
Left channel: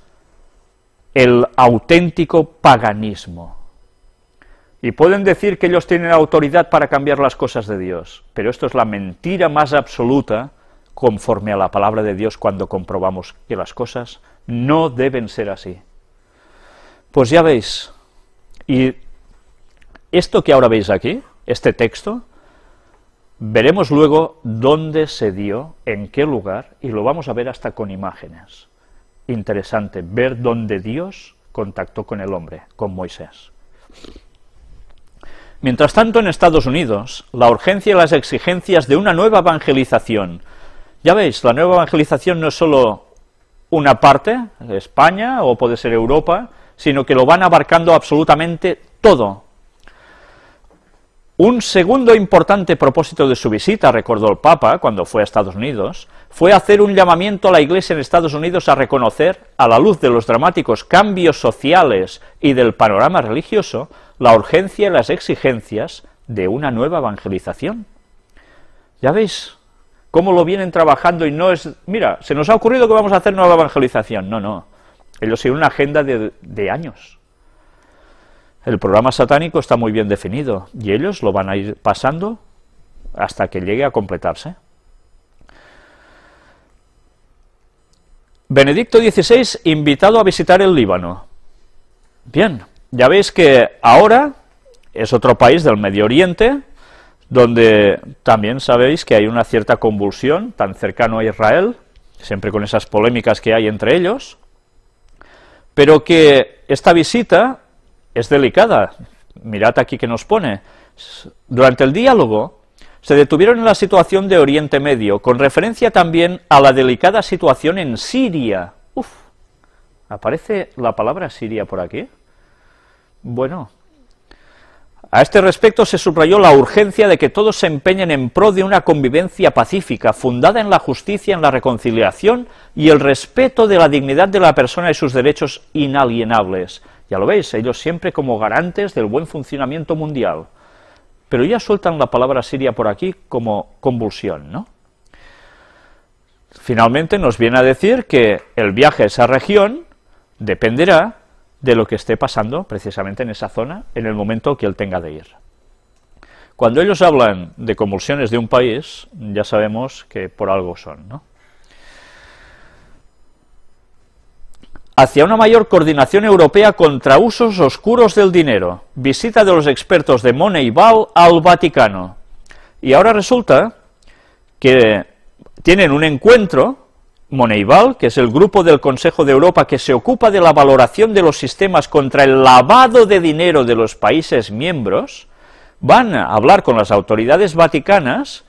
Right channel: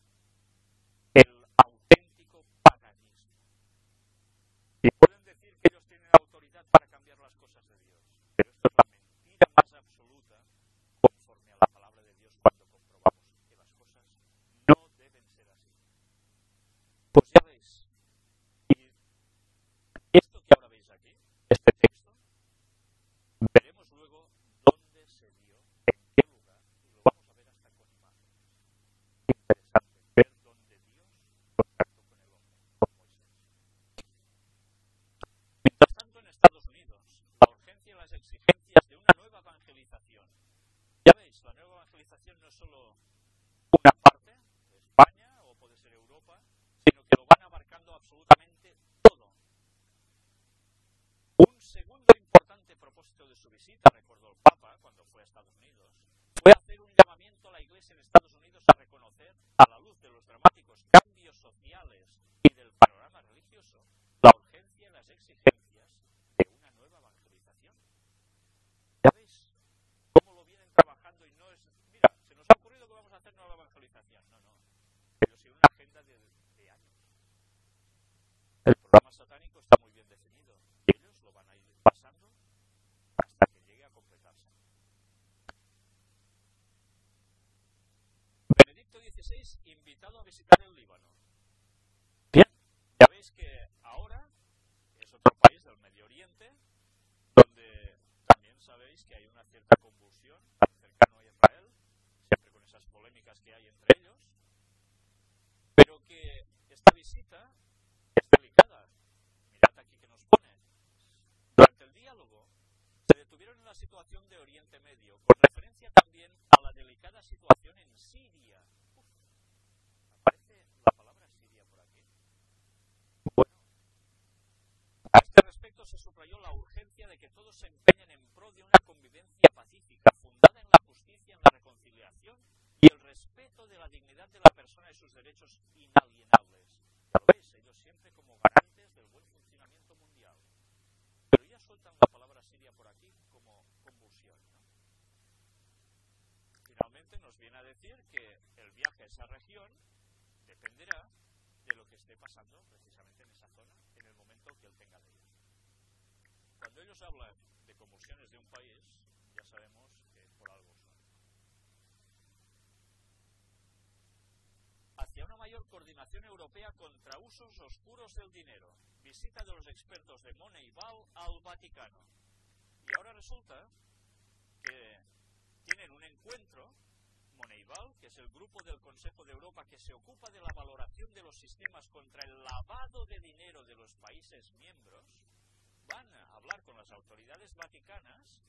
el auténtico paganismo. Y pueden decir que ellos tienen autoridad para cambiar las cosas de Dios, pero esto es la mentira más absoluta conforme a la palabra de Dios cuando comprobamos que las cosas no deben ser así. Pues ya veis, y esto que ahora veis aquí, este texto, veremos luego dónde se dio, en qué lugar, y lo vamos a ver hasta con imágenes. Interesante ver dónde Dios contactó con el hombre, con Moisés. Mientras tanto, en Estados Unidos, la urgencia y las exigencias de una nueva evangelización. Ya veis, la nueva evangelización no es solo una parte, España o puede ser Europa, sino que lo van abarcando absolutamente todo. Un segundo importante propósito de su visita, recordó el Papa cuando fue a Estados Unidos, fue hacer un llamamiento a la Iglesia en Estados Unidos a reconocer, a la luz de los dramáticos cambios sociales y del panorama religioso, la urgencia y las exigencias de una nueva evangelización. Ya veis cómo lo vienen trabajando y no es, mira, se nos ha ocurrido que vamos a hacer nueva evangelización. No, no, ellos siguen una agenda de años. El programa satánico está muy bien definido y ellos lo van a ir pasando hasta que llegue a completarse. Benedicto XVI invitado a visitar el Líbano. Bien, ya veis que ahora es otro país del Medio Oriente, donde también sabéis que hay una cierta convulsión, tan cercano a Israel, siempre con esas polémicas que hay entre ellos. pero que esta visita es delicada. Mirad aquí que nos pone. Durante el diálogo se detuvieron en la situación de Oriente Medio, con referencia también a la delicada situación en Siria. Uf, ¿aparece la palabra Siria por aquí? Bueno, a este respecto se subrayó la urgencia de que todos se empeñen en pro de una convivencia pacífica, fundada en la justicia, en la reconciliación y el respeto de la dignidad de la persona y sus derechos inalienables. Ya lo veis, ellos siempre como garantes del buen funcionamiento mundial. Pero ya sueltan la palabra Siria por aquí como convulsión, ¿no? Finalmente nos viene a decir que el viaje a esa región dependerá de lo que esté pasando precisamente en esa zona en el momento que él tenga de ir. Cuando ellos hablan de convulsiones de un país, ya sabemos que por algo son, ¿no? Hacia una mayor coordinación europea contra usos oscuros del dinero. Visita de los expertos de Moneyball al Vaticano. Y ahora resulta que tienen un encuentro, Moneyball, que es el grupo del Consejo de Europa que se ocupa de la valoración de los sistemas contra el lavado de dinero de los países miembros, van a hablar con las autoridades vaticanas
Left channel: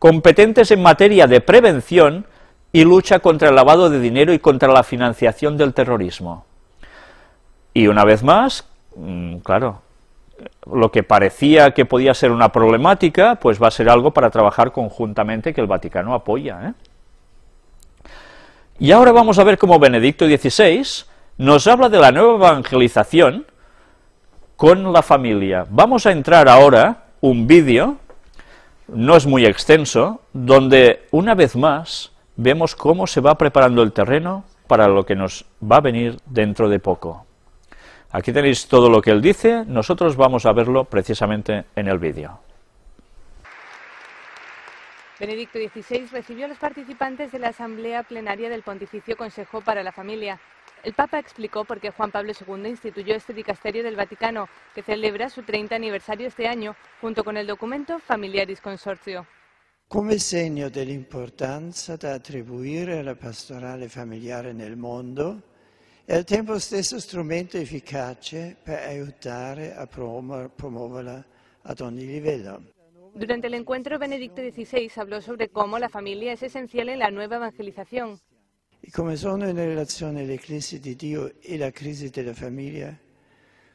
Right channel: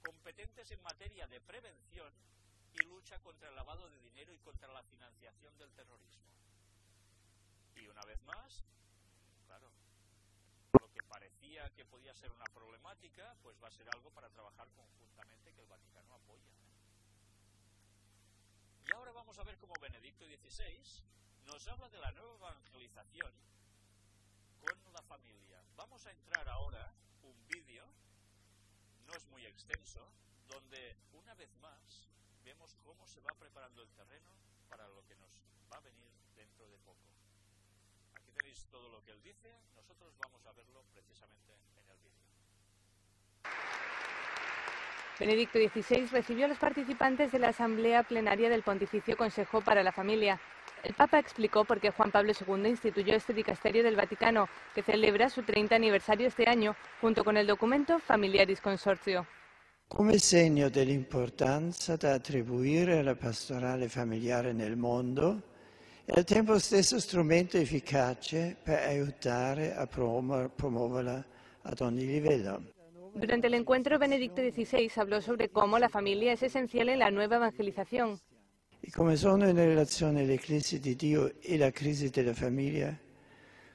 competentes en materia de prevención y lucha contra el lavado de dinero y contra la financiación del terrorismo. Y una vez más, claro, lo que parecía que podía ser una problemática, pues va a ser algo para trabajar conjuntamente que el Vaticano apoya, ¿eh? Y ahora vamos a ver cómo Benedicto XVI nos habla de la nueva evangelización con la familia. Vamos a entrar ahora un vídeo, no es muy extenso, donde una vez más vemos cómo se va preparando el terreno para lo que nos va a venir dentro de poco. Aquí tenéis todo lo que él dice, nosotros vamos a verlo precisamente en el vídeo. Benedicto XVI recibió a los participantes de la Asamblea Plenaria del Pontificio Consejo para la Familia. El Papa explicó por qué Juan Pablo II instituyó este dicasterio del Vaticano, que celebra su 30 aniversario este año, junto con el documento Familiaris Consortio. Come segno dell'importanza da attribuire alla pastorale familiare nel mondo e al tempo stesso strumento efficace per aiutare a promuoverla ad ogni livello. Durante el encuentro, Benedicto XVI habló sobre cómo la familia es esencial en la nueva evangelización. E come sono in relazione le crisi di Dio e la crisi della famiglia,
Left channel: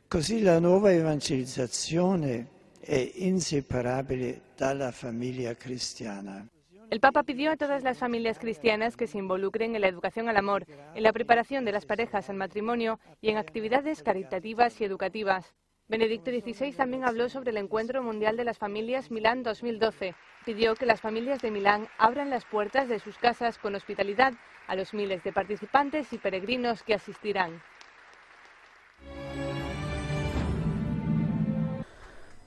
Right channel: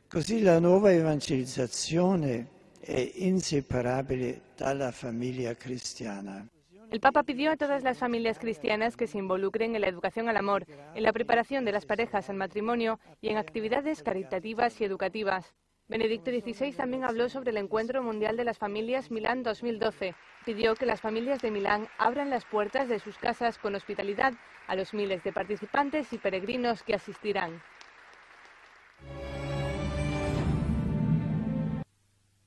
così la nuova evangelizzazione è inseparabile dalla famiglia cristiana. El Papa pidió a todas las familias cristianas que se involucren en la educación al amor, en la preparación de las parejas al matrimonio y en actividades caritativas y educativas. Benedicto XVI también habló sobre el Encuentro Mundial de las Familias Milán 2012. Pidió que las familias de Milán abran las puertas de sus casas con hospitalidad a los miles de participantes y peregrinos que asistirán.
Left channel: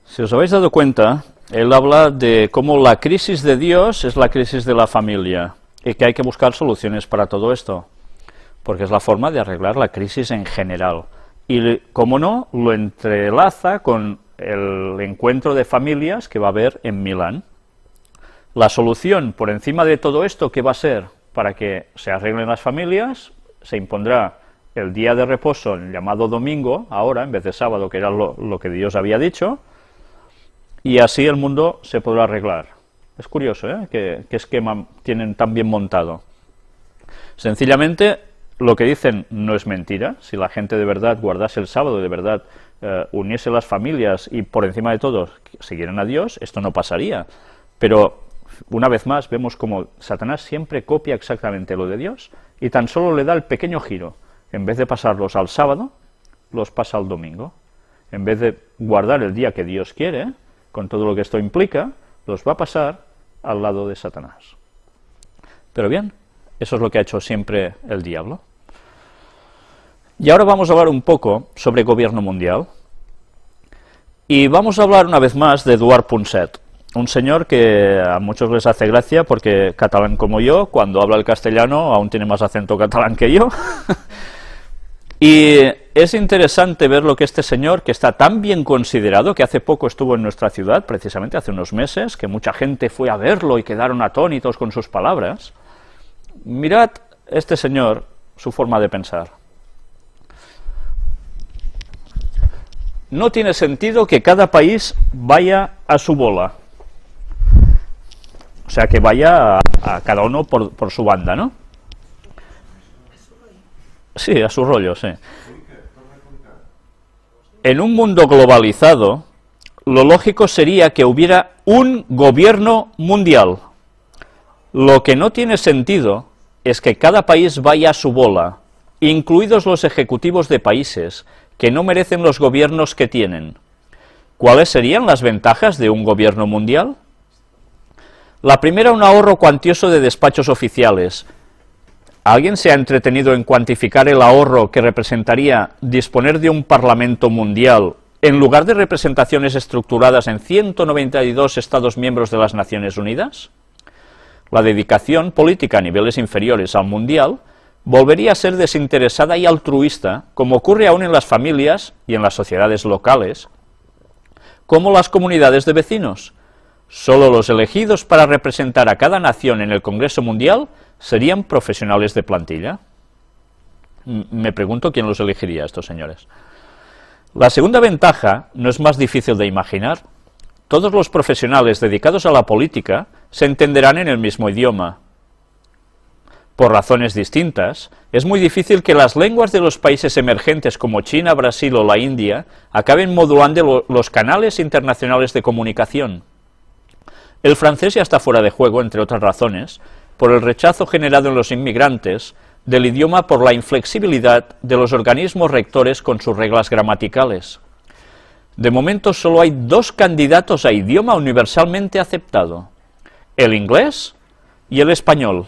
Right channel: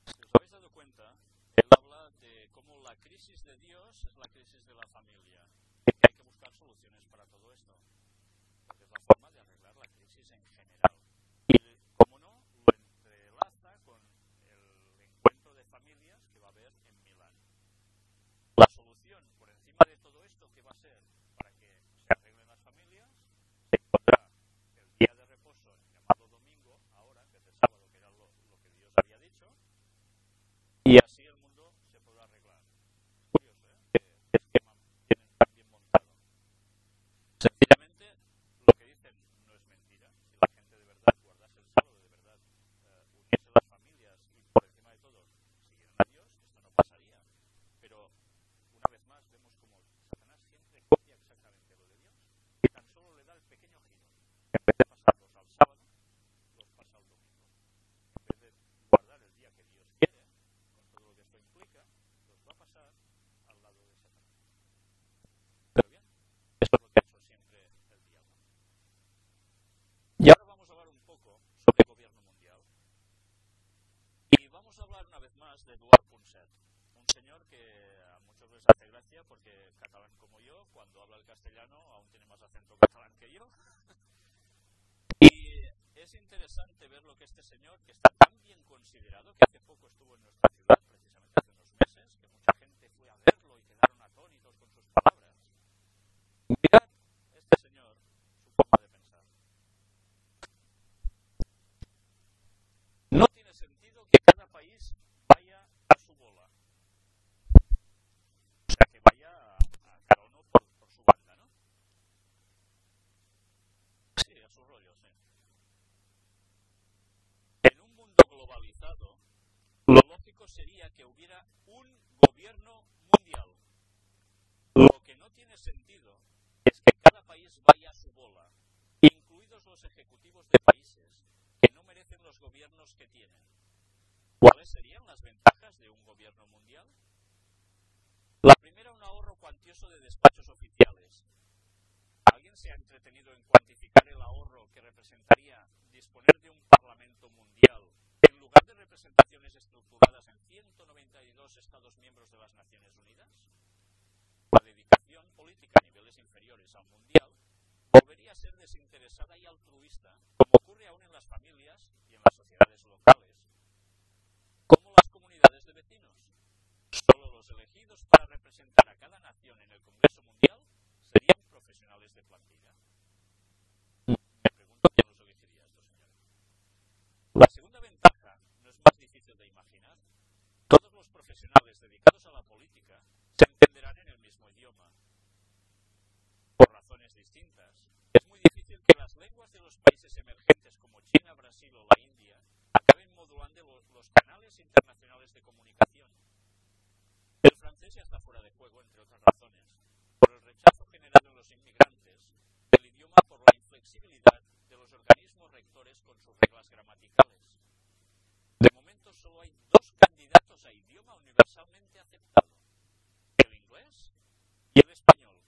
Si os habéis dado cuenta, él habla de cómo la crisis de Dios es la crisis de la familia y que hay que buscar soluciones para todo esto, porque es la forma de arreglar la crisis en general. Y, como no, lo entrelaza con el encuentro de familias que va a haber en Milán. La solución por encima de todo esto, ¿qué va a ser? Para que se arreglen las familias, se impondrá el día de reposo, el llamado domingo, ahora, en vez de sábado, que era lo que Dios había dicho, y así el mundo se podrá arreglar. Es curioso, ¿eh? ¿Qué esquema tienen tan bien montado? Sencillamente, lo que dicen no es mentira. Si la gente de verdad guardase el sábado, de verdad uniese las familias y por encima de todo siguieran a Dios, esto no pasaría. Pero una vez más vemos como Satanás siempre copia exactamente lo de Dios y tan solo le da el pequeño giro. En vez de pasarlos al sábado, los pasa al domingo. En vez de guardar el día que Dios quiere, con todo lo que esto implica, los va a pasar al lado de Satanás. Pero bien, eso es lo que ha hecho siempre el diablo. Y ahora vamos a hablar un poco sobre gobierno mundial. Y vamos a hablar una vez más de Eduard Punset, un señor que a muchos les hace gracia porque catalán como yo, cuando habla el castellano aún tiene más acento catalán que yo. Y es interesante ver lo que este señor, que está tan bien considerado, que hace poco estuvo en nuestra ciudad, precisamente hace unos meses, que mucha gente fue a verlo y quedaron atónitos con sus palabras. Mirad este señor, su forma de pensar. no tiene sentido que cada país vaya a su bola. O sea, que vaya a cada uno por su banda, ¿no? Sí, a su rollo, sí. En un mundo globalizado, lo lógico sería que hubiera un gobierno mundial. Lo que no tiene sentido es que cada país vaya a su bola, incluidos los ejecutivos de países que no merecen los gobiernos que tienen. ¿Cuáles serían las ventajas de un gobierno mundial? La primera, un ahorro cuantioso de despachos oficiales. ¿Alguien se ha entretenido en cuantificar el ahorro que representaría disponer de un Parlamento mundial en lugar de representaciones estructuradas en 192 Estados miembros de las Naciones Unidas? La dedicación política a niveles inferiores al mundial volvería a ser desinteresada y altruista, como ocurre aún en las familias y en las sociedades locales, como las comunidades de vecinos. Solo los elegidos para representar a cada nación en el Congreso Mundial serían profesionales de plantilla. Me pregunto quién los elegiría a estos señores. La segunda ventaja no es más difícil de imaginar. Todos los profesionales dedicados a la política se entenderán en el mismo idioma. Por razones distintas, es muy difícil que las lenguas de los países emergentes como China, Brasil o la India acaben modulando los canales internacionales de comunicación. El francés ya está fuera de juego, entre otras razones, por el rechazo generado en los inmigrantes del idioma por la inflexibilidad de los organismos rectores con sus reglas gramaticales. De momento solo hay dos candidatos a idioma universalmente aceptado, el inglés y el español.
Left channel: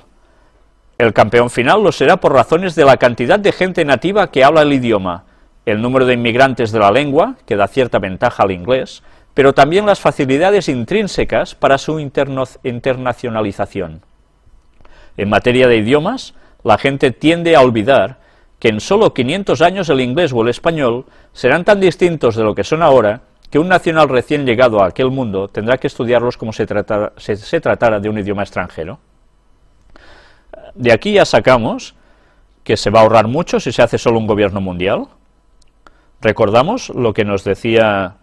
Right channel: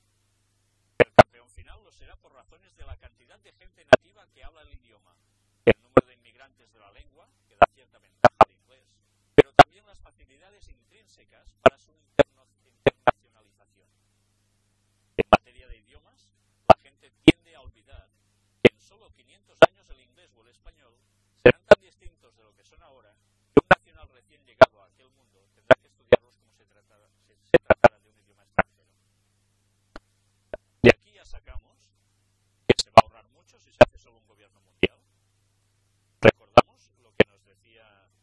El campeón final lo será por razones de la cantidad de gente nativa que habla el idioma, el número de inmigrantes de la lengua, que da cierta ventaja al inglés, pero también las facilidades intrínsecas para su internacionalización. En materia de idiomas, la gente tiende a olvidar que en solo 500 años el inglés o el español serán tan distintos de lo que son ahora que un nacional recién llegado a aquel mundo tendrá que estudiarlos como se tratara de un idioma extranjero. De aquí ya sacamos que se va a ahorrar mucho si se hace solo un gobierno mundial. Recordamos lo que nos decía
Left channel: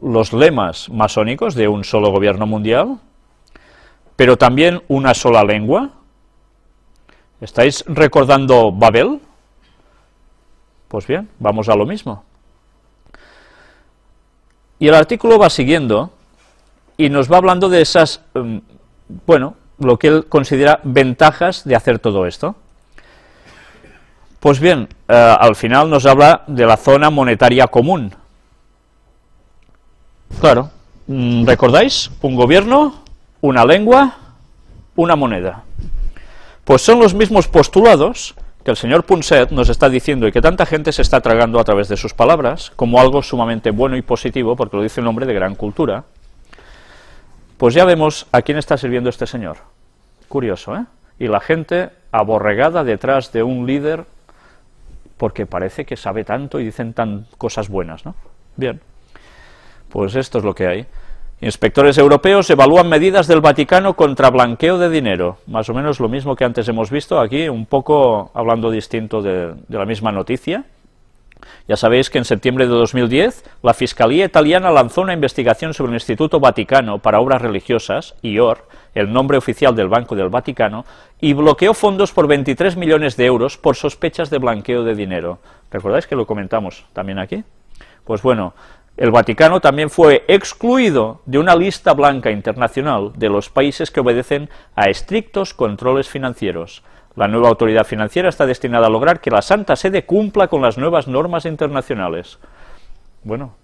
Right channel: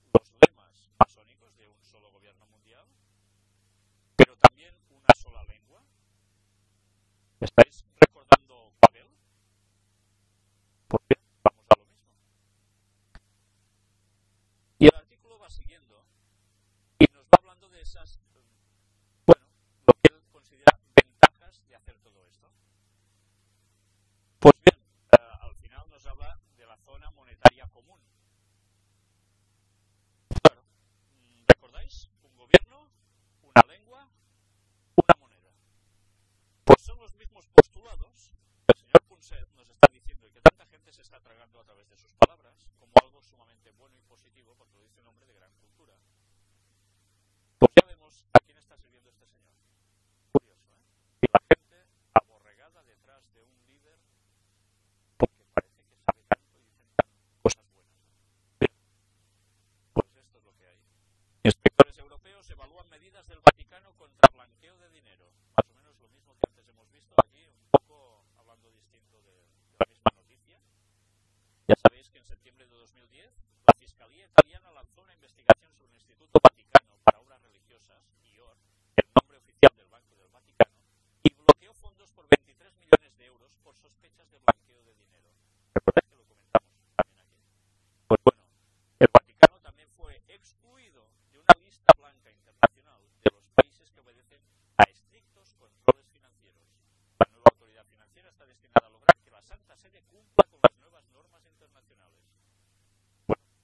los lemas masónicos de un solo gobierno mundial, pero también una sola lengua. ¿Estáis recordando Babel? Pues bien, vamos a lo mismo. Y el artículo va siguiendo y nos va hablando de esas, bueno, lo que él considera ventajas de hacer todo esto. Pues bien, al final nos habla de la zona monetaria común. Claro, ¿recordáis? Un gobierno, una lengua, una moneda. Pues son los mismos postulados que el señor Punset nos está diciendo y que tanta gente se está tragando a través de sus palabras, como algo sumamente bueno y positivo, porque lo dice un hombre de gran cultura. Pues ya vemos a quién está sirviendo este señor. Curioso, ¿eh? Y la gente aborregada detrás de un líder porque parece que sabe tanto y dicen tan cosas buenas, ¿no? Bien, pues esto es lo que hay. Inspectores europeos evalúan medidas del Vaticano contra blanqueo de dinero. Más o menos lo mismo que antes hemos visto aquí, un poco hablando distinto de la misma noticia. Ya sabéis que en septiembre de 2010 la Fiscalía italiana lanzó una investigación sobre el Instituto Vaticano para Obras Religiosas, IOR, el nombre oficial del Banco del Vaticano, y bloqueó fondos por 23 millones de euros por sospechas de blanqueo de dinero. ¿Recordáis que lo comentamos también aquí? Pues bueno, el Vaticano también fue excluido de una lista blanca internacional de los países que obedecen a estrictos controles financieros. La nueva autoridad financiera está destinada a lograr que la Santa Sede cumpla con las nuevas normas internacionales. Bueno,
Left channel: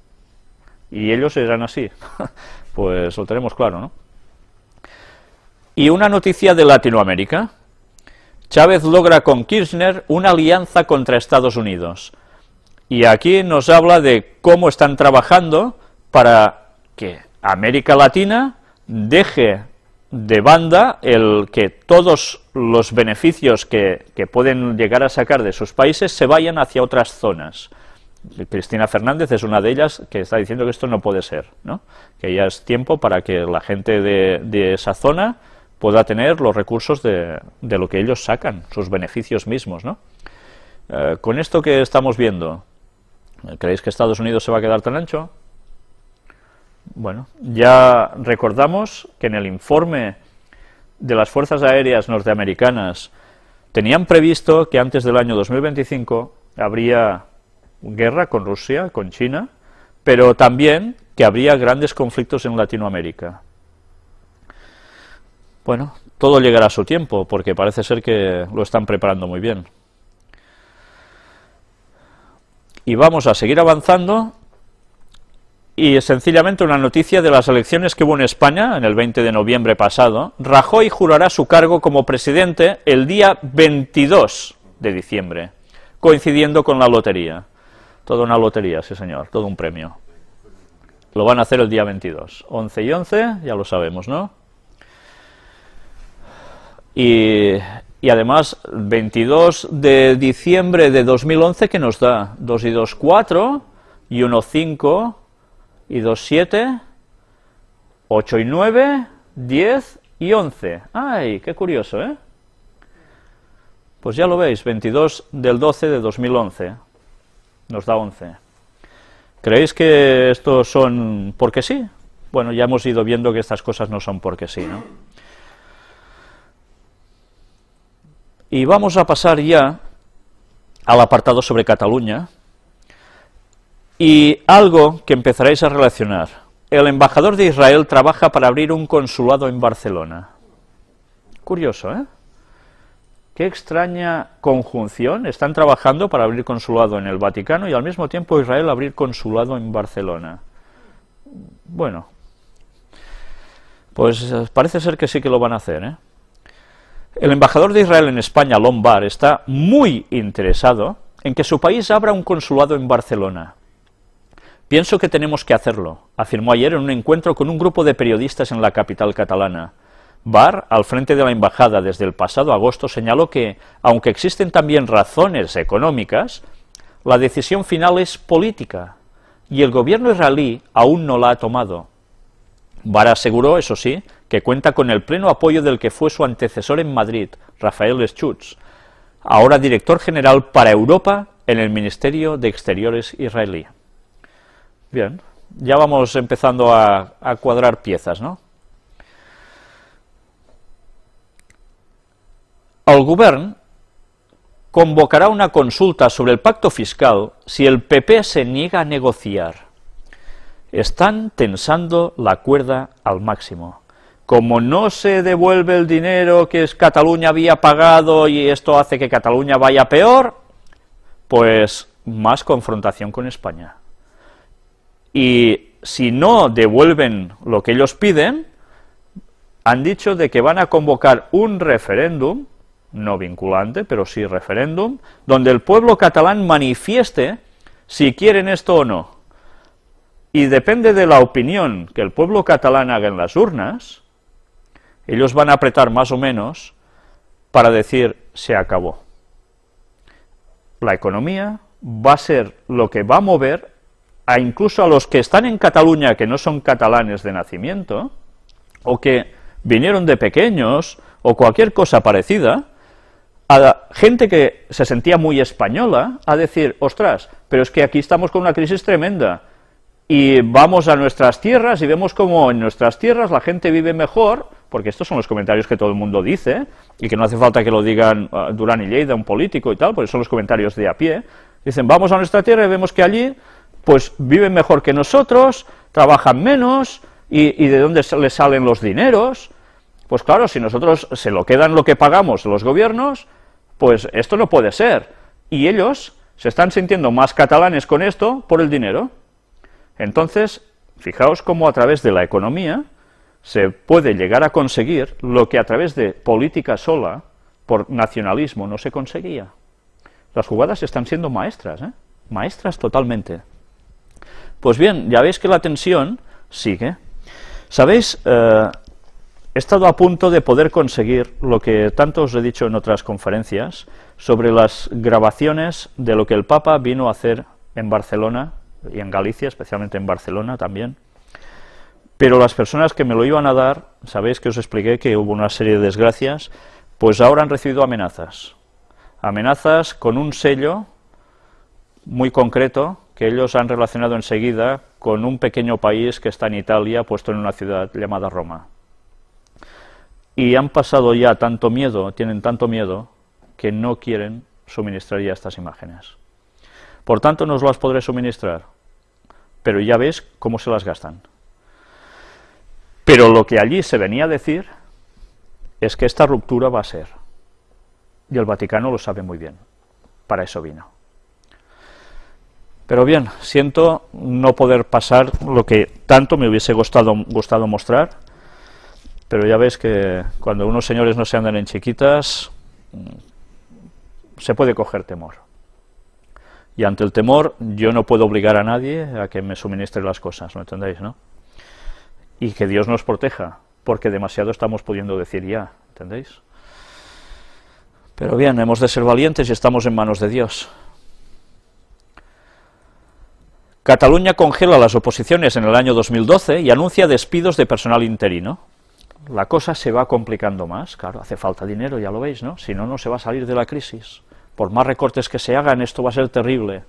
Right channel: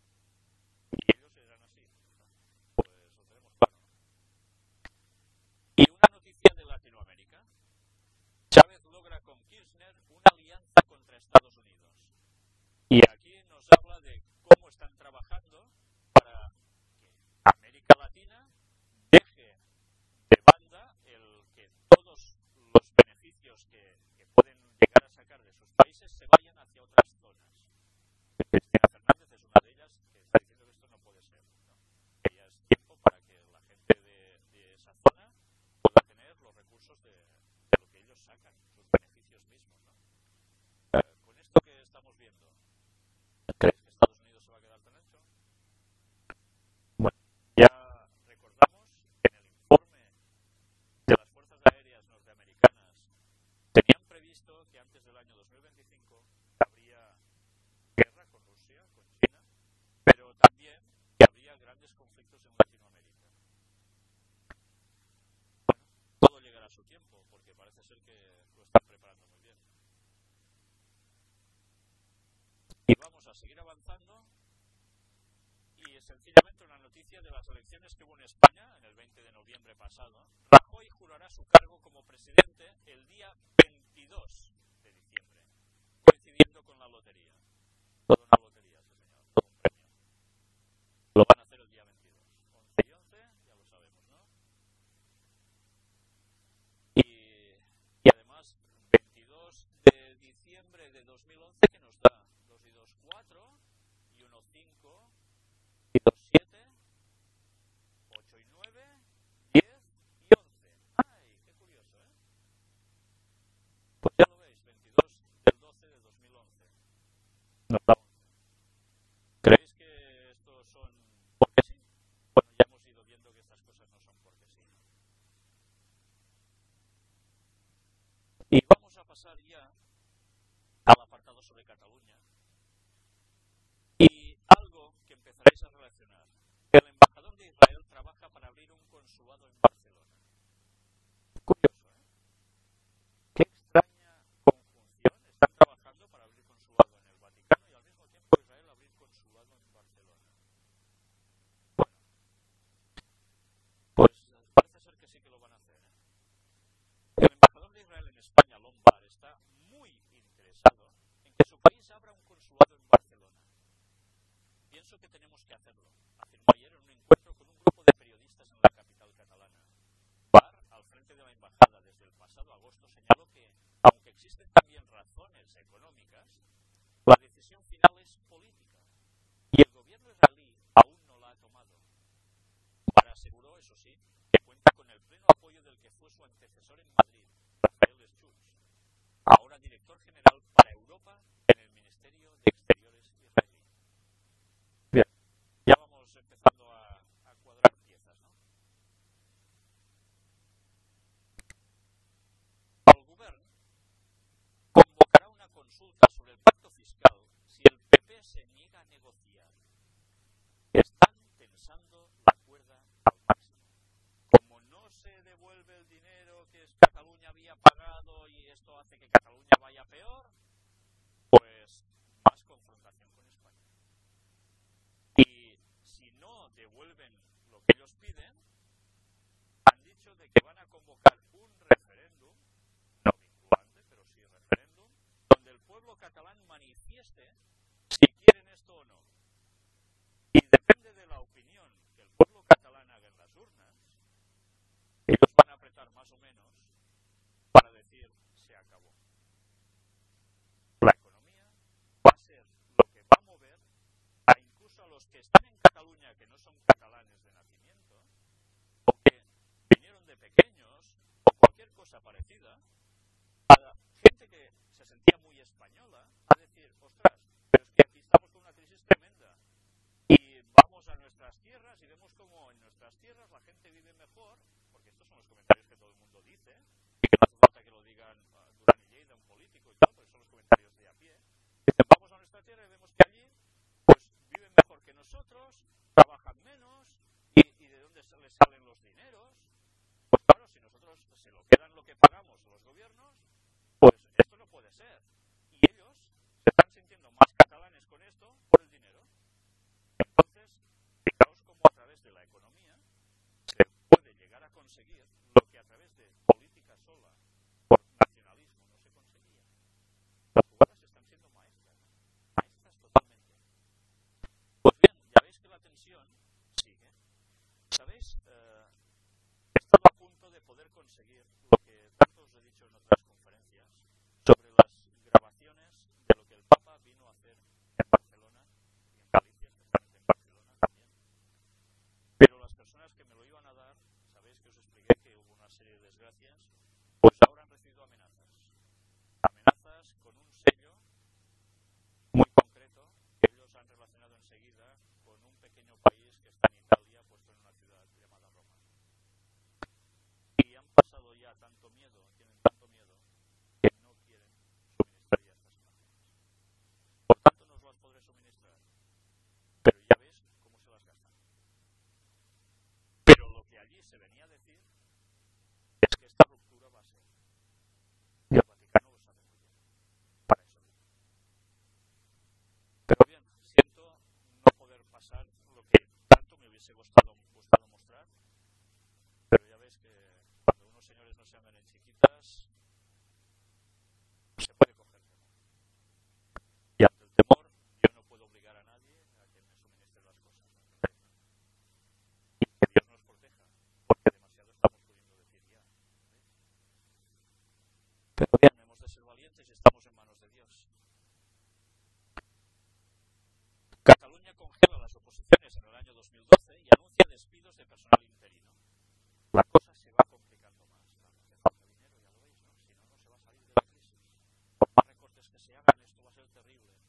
y ellos serán así. Pues lo tenemos claro, ¿no? Y una noticia de Latinoamérica. Chávez logra con Kirchner una alianza contra Estados Unidos. Y aquí nos habla de cómo están trabajando para que América Latina deje de banda el que todos los beneficios que pueden llegar a sacar de sus países se vayan hacia otras zonas. Cristina Fernández es una de ellas que está diciendo que esto no puede ser, ¿no? Que ya es tiempo para que la gente de esa zona pueda tener los recursos de lo que ellos sacan, sus beneficios mismos, ¿no? Con esto que estamos viendo, ¿Creéis que Estados Unidos se va a quedar tan ancho? Bueno, ya recordamos que en el informe de las Fuerzas Aéreas norteamericanas tenían previsto que antes del año 2025 habría guerra con Rusia, con China, pero también que habría grandes conflictos en Latinoamérica. Bueno, todo llegará a su tiempo, porque parece ser que lo están preparando muy bien. Y vamos a seguir avanzando, y sencillamente una noticia de las elecciones que hubo en España, en el 20 de noviembre pasado. Rajoy jurará su cargo como presidente el día 22 de diciembre, coincidiendo con la lotería. Toda una lotería, sí señor, todo un premio. Lo van a hacer el día 22. 11 y 11, ya lo sabemos, ¿no? Y además, 22 de diciembre de 2011, ¿qué nos da? 2 y 2, 4, y 1, 5, y 2, 7, 8 y 9, 10 y 11. ¡Ay, qué curioso, ¿eh? Pues ya lo veis, 22 del 12 de 2011 nos da 11. ¿Creéis que estos son porque sí? Bueno, ya hemos ido viendo que estas cosas no son porque sí, ¿no? Y vamos a pasar ya al apartado sobre Cataluña, y algo que empezaréis a relacionar. El embajador de Israel trabaja para abrir un consulado en Barcelona. Curioso, ¿eh? Qué extraña conjunción. Están trabajando para abrir consulado en el Vaticano y al mismo tiempo Israel abrir consulado en Barcelona. Bueno, pues parece ser que sí que lo van a hacer, ¿eh? El embajador de Israel en España, Lombard, está muy interesado en que su país abra un consulado en Barcelona. Pienso que tenemos que hacerlo, afirmó ayer en un encuentro con un grupo de periodistas en la capital catalana. Barr, al frente de la embajada desde el pasado agosto, señaló que, aunque existen también razones económicas, la decisión final es política, y el gobierno israelí aún no la ha tomado. Barr aseguró, eso sí, que cuenta con el pleno apoyo del que fue su antecesor en Madrid, Rafael Schutz, ahora director general para Europa en el Ministerio de Exteriores israelí. Bien, ya vamos empezando a cuadrar piezas, ¿no? El govern convocará una consulta sobre el pacto fiscal si el PP se niega a negociar. Están tensando la cuerda al máximo. Como no se devuelve el dinero que Cataluña había pagado y esto hace que Cataluña vaya peor, pues más confrontación con España. Y si no devuelven lo que ellos piden, han dicho de que van a convocar un referéndum, no vinculante, pero sí referéndum, donde el pueblo catalán manifieste si quieren esto o no. Y depende de la opinión que el pueblo catalán haga en las urnas, ellos van a apretar más o menos para decir se acabó. La economía va a ser lo que va a mover incluso a los que están en Cataluña, que no son catalanes de nacimiento, o que vinieron de pequeños, o cualquier cosa parecida, a gente que se sentía muy española, a decir, ostras, pero es que aquí estamos con una crisis tremenda, y vamos a nuestras tierras y vemos cómo en nuestras tierras la gente vive mejor, porque estos son los comentarios que todo el mundo dice, y que no hace falta que lo digan Durán y Lleida, un político y tal, porque son los comentarios de a pie. Dicen, vamos a nuestra tierra y vemos que allí pues viven mejor que nosotros, trabajan menos, y ¿de dónde les salen los dineros? Pues claro, si nosotros se lo quedan lo que pagamos los gobiernos, pues esto no puede ser. Y ellos se están sintiendo más catalanes con esto por el dinero. Entonces, fijaos cómo a través de la economía se puede llegar a conseguir lo que a través de política sola, por nacionalismo, no se conseguía. Las jugadas están siendo maestras, ¿eh? Maestras totalmente. Pues bien, ya veis que la tensión sigue. ¿Sabéis? He estado a punto de poder conseguir lo que tanto os he dicho en otras conferencias sobre las grabaciones de lo que el Papa vino a hacer en Barcelona y en Galicia, especialmente en Barcelona también. Pero las personas que me lo iban a dar, sabéis que os expliqué que hubo una serie de desgracias, pues ahora han recibido amenazas. Amenazas con un sello muy concreto que ellos han relacionado enseguida con un pequeño país que está en Italia, puesto en una ciudad llamada Roma. Y han pasado ya tanto miedo, tienen tanto miedo, que no quieren suministrar ya estas imágenes. Por tanto, no os las podré suministrar, pero ya ves cómo se las gastan. Pero lo que allí se venía a decir es que esta ruptura va a ser, y el Vaticano lo sabe muy bien, para eso vino. Pero bien, siento no poder pasar lo que tanto me hubiese gustado mostrar, pero ya ves que cuando unos señores no se andan en chiquitas, se puede coger temor. Y ante el temor, yo no puedo obligar a nadie a que me suministre las cosas, ¿me entendéis, no? Y que Dios nos proteja, porque demasiado estamos pudiendo decir ya, ¿entendéis? Pero bien, hemos de ser valientes y estamos en manos de Dios. Cataluña congela las oposiciones en el año 2012 y anuncia despidos de personal interino. La cosa se va complicando más, claro, hace falta dinero, ya lo veis, ¿no? Si no, no se va a salir de la crisis. Por más recortes que se hagan, esto va a ser terrible.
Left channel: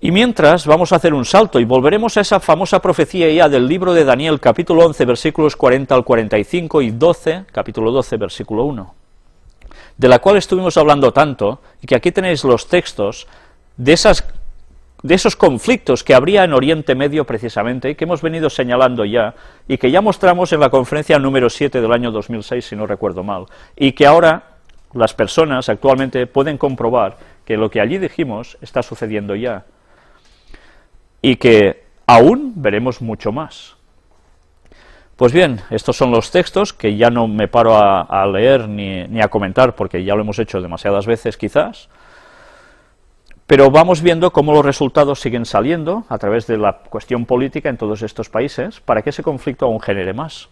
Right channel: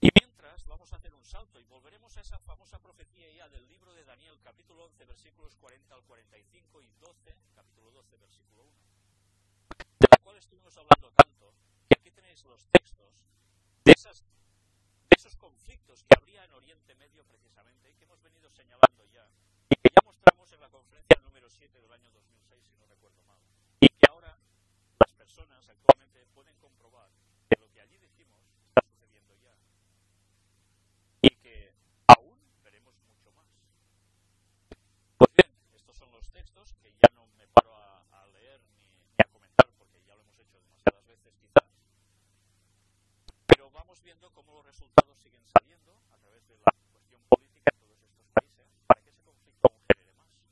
Y mientras, vamos a hacer un salto y volveremos a esa famosa profecía ya del libro de Daniel, capítulo 11, versículos 40 al 45 y 12, capítulo 12, versículo 1, de la cual estuvimos hablando tanto, y que aquí tenéis los textos de esos conflictos que habría en Oriente Medio precisamente, y que hemos venido señalando ya, y que ya mostramos en la conferencia número 7 del año 2006, si no recuerdo mal, y que ahora las personas actualmente pueden comprobar que lo que allí dijimos está sucediendo ya, y que aún veremos mucho más. Pues bien, estos son los textos que ya no me paro a leer ni a comentar, porque ya lo hemos hecho demasiadas veces quizás, pero vamos viendo cómo los resultados siguen saliendo a través de la cuestión política en todos estos países, para que ese conflicto aún genere más.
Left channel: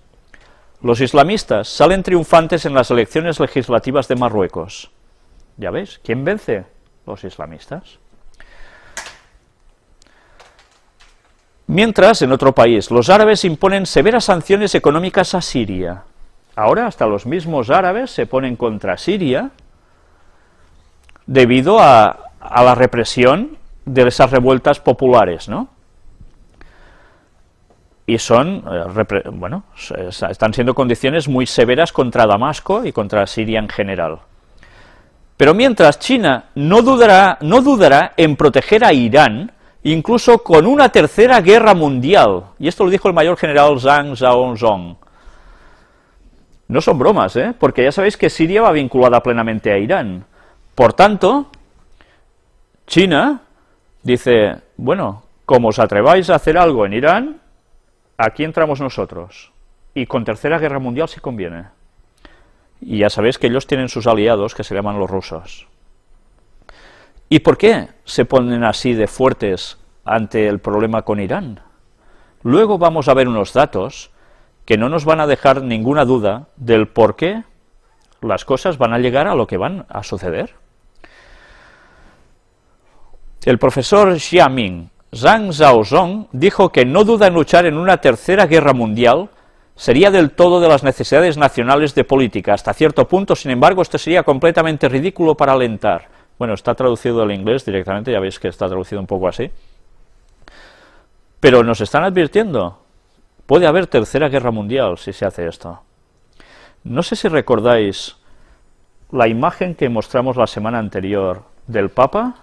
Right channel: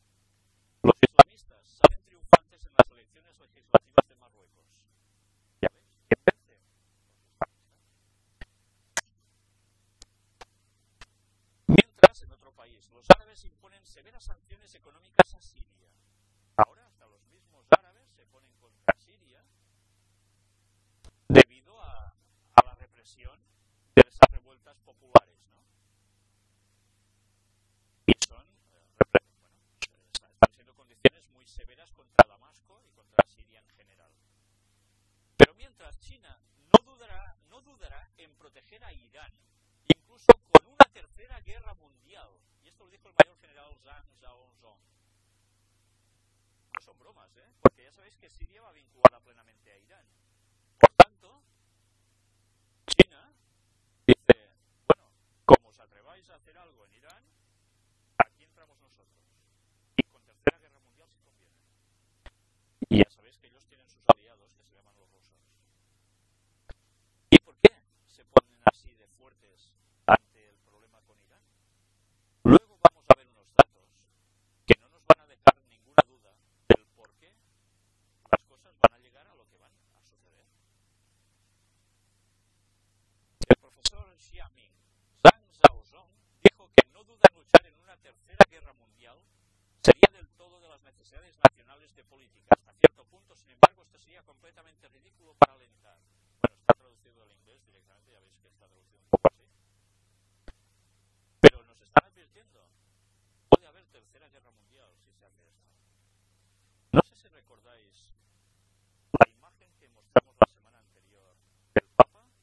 Los islamistas salen triunfantes en las elecciones legislativas de Marruecos. ¿Ya ves? ¿Quién vence? Los islamistas. Mientras, en otro país, los árabes imponen severas sanciones económicas a Siria. Ahora hasta los mismos árabes se ponen contra Siria debido a la represión de esas revueltas populares, ¿no? Y son, bueno, están siendo condiciones muy severas contra Damasco y contra Siria en general. Pero mientras, China no dudará en proteger a Irán, incluso con una tercera guerra mundial, y esto lo dijo el mayor general Zhang Zhaozong. No son bromas, porque ya sabéis que Siria va vinculada plenamente a Irán. Por tanto, China dice, bueno, como os atreváis a hacer algo en Irán, aquí entramos nosotros, y con tercera guerra mundial si conviene. Y ya sabéis que ellos tienen sus aliados, que se llaman los rusos. ¿Y por qué se ponen así de fuertes ante el problema con Irán? Luego vamos a ver unos datos que no nos van a dejar ninguna duda del por qué las cosas van a llegar a lo que van a suceder. El profesor Xiaoming Zhang Zhaozong dijo que no duda en luchar en una tercera guerra mundial, sería del todo de las necesidades nacionales de política. Hasta cierto punto, sin embargo, esto sería completamente ridículo para alentar. Bueno, está traducido del inglés directamente, ya veis que está traducido un poco así. Pero nos están advirtiendo, puede haber tercera guerra mundial si se hace esto. No sé si recordáis la imagen que mostramos la semana anterior del Papa.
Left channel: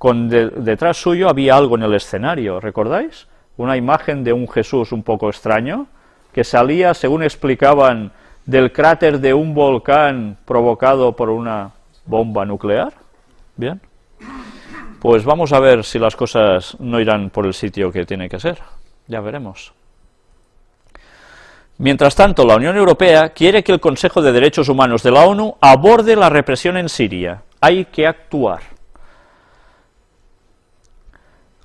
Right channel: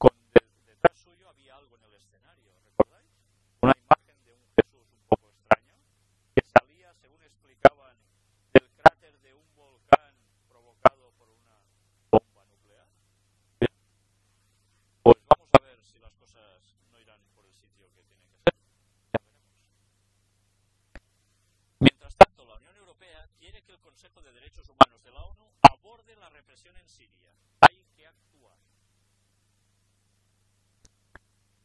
Detrás suyo había algo en el escenario, ¿recordáis? Una imagen de un Jesús un poco extraño, que salía, según explicaban, del cráter de un volcán provocado por una bomba nuclear. Bien, pues vamos a ver si las cosas no irán por el sitio que tiene que ser, ya veremos. Mientras tanto, la Unión Europea quiere que el Consejo de Derechos Humanos de la ONU aborde la represión en Siria. Hay que actuar.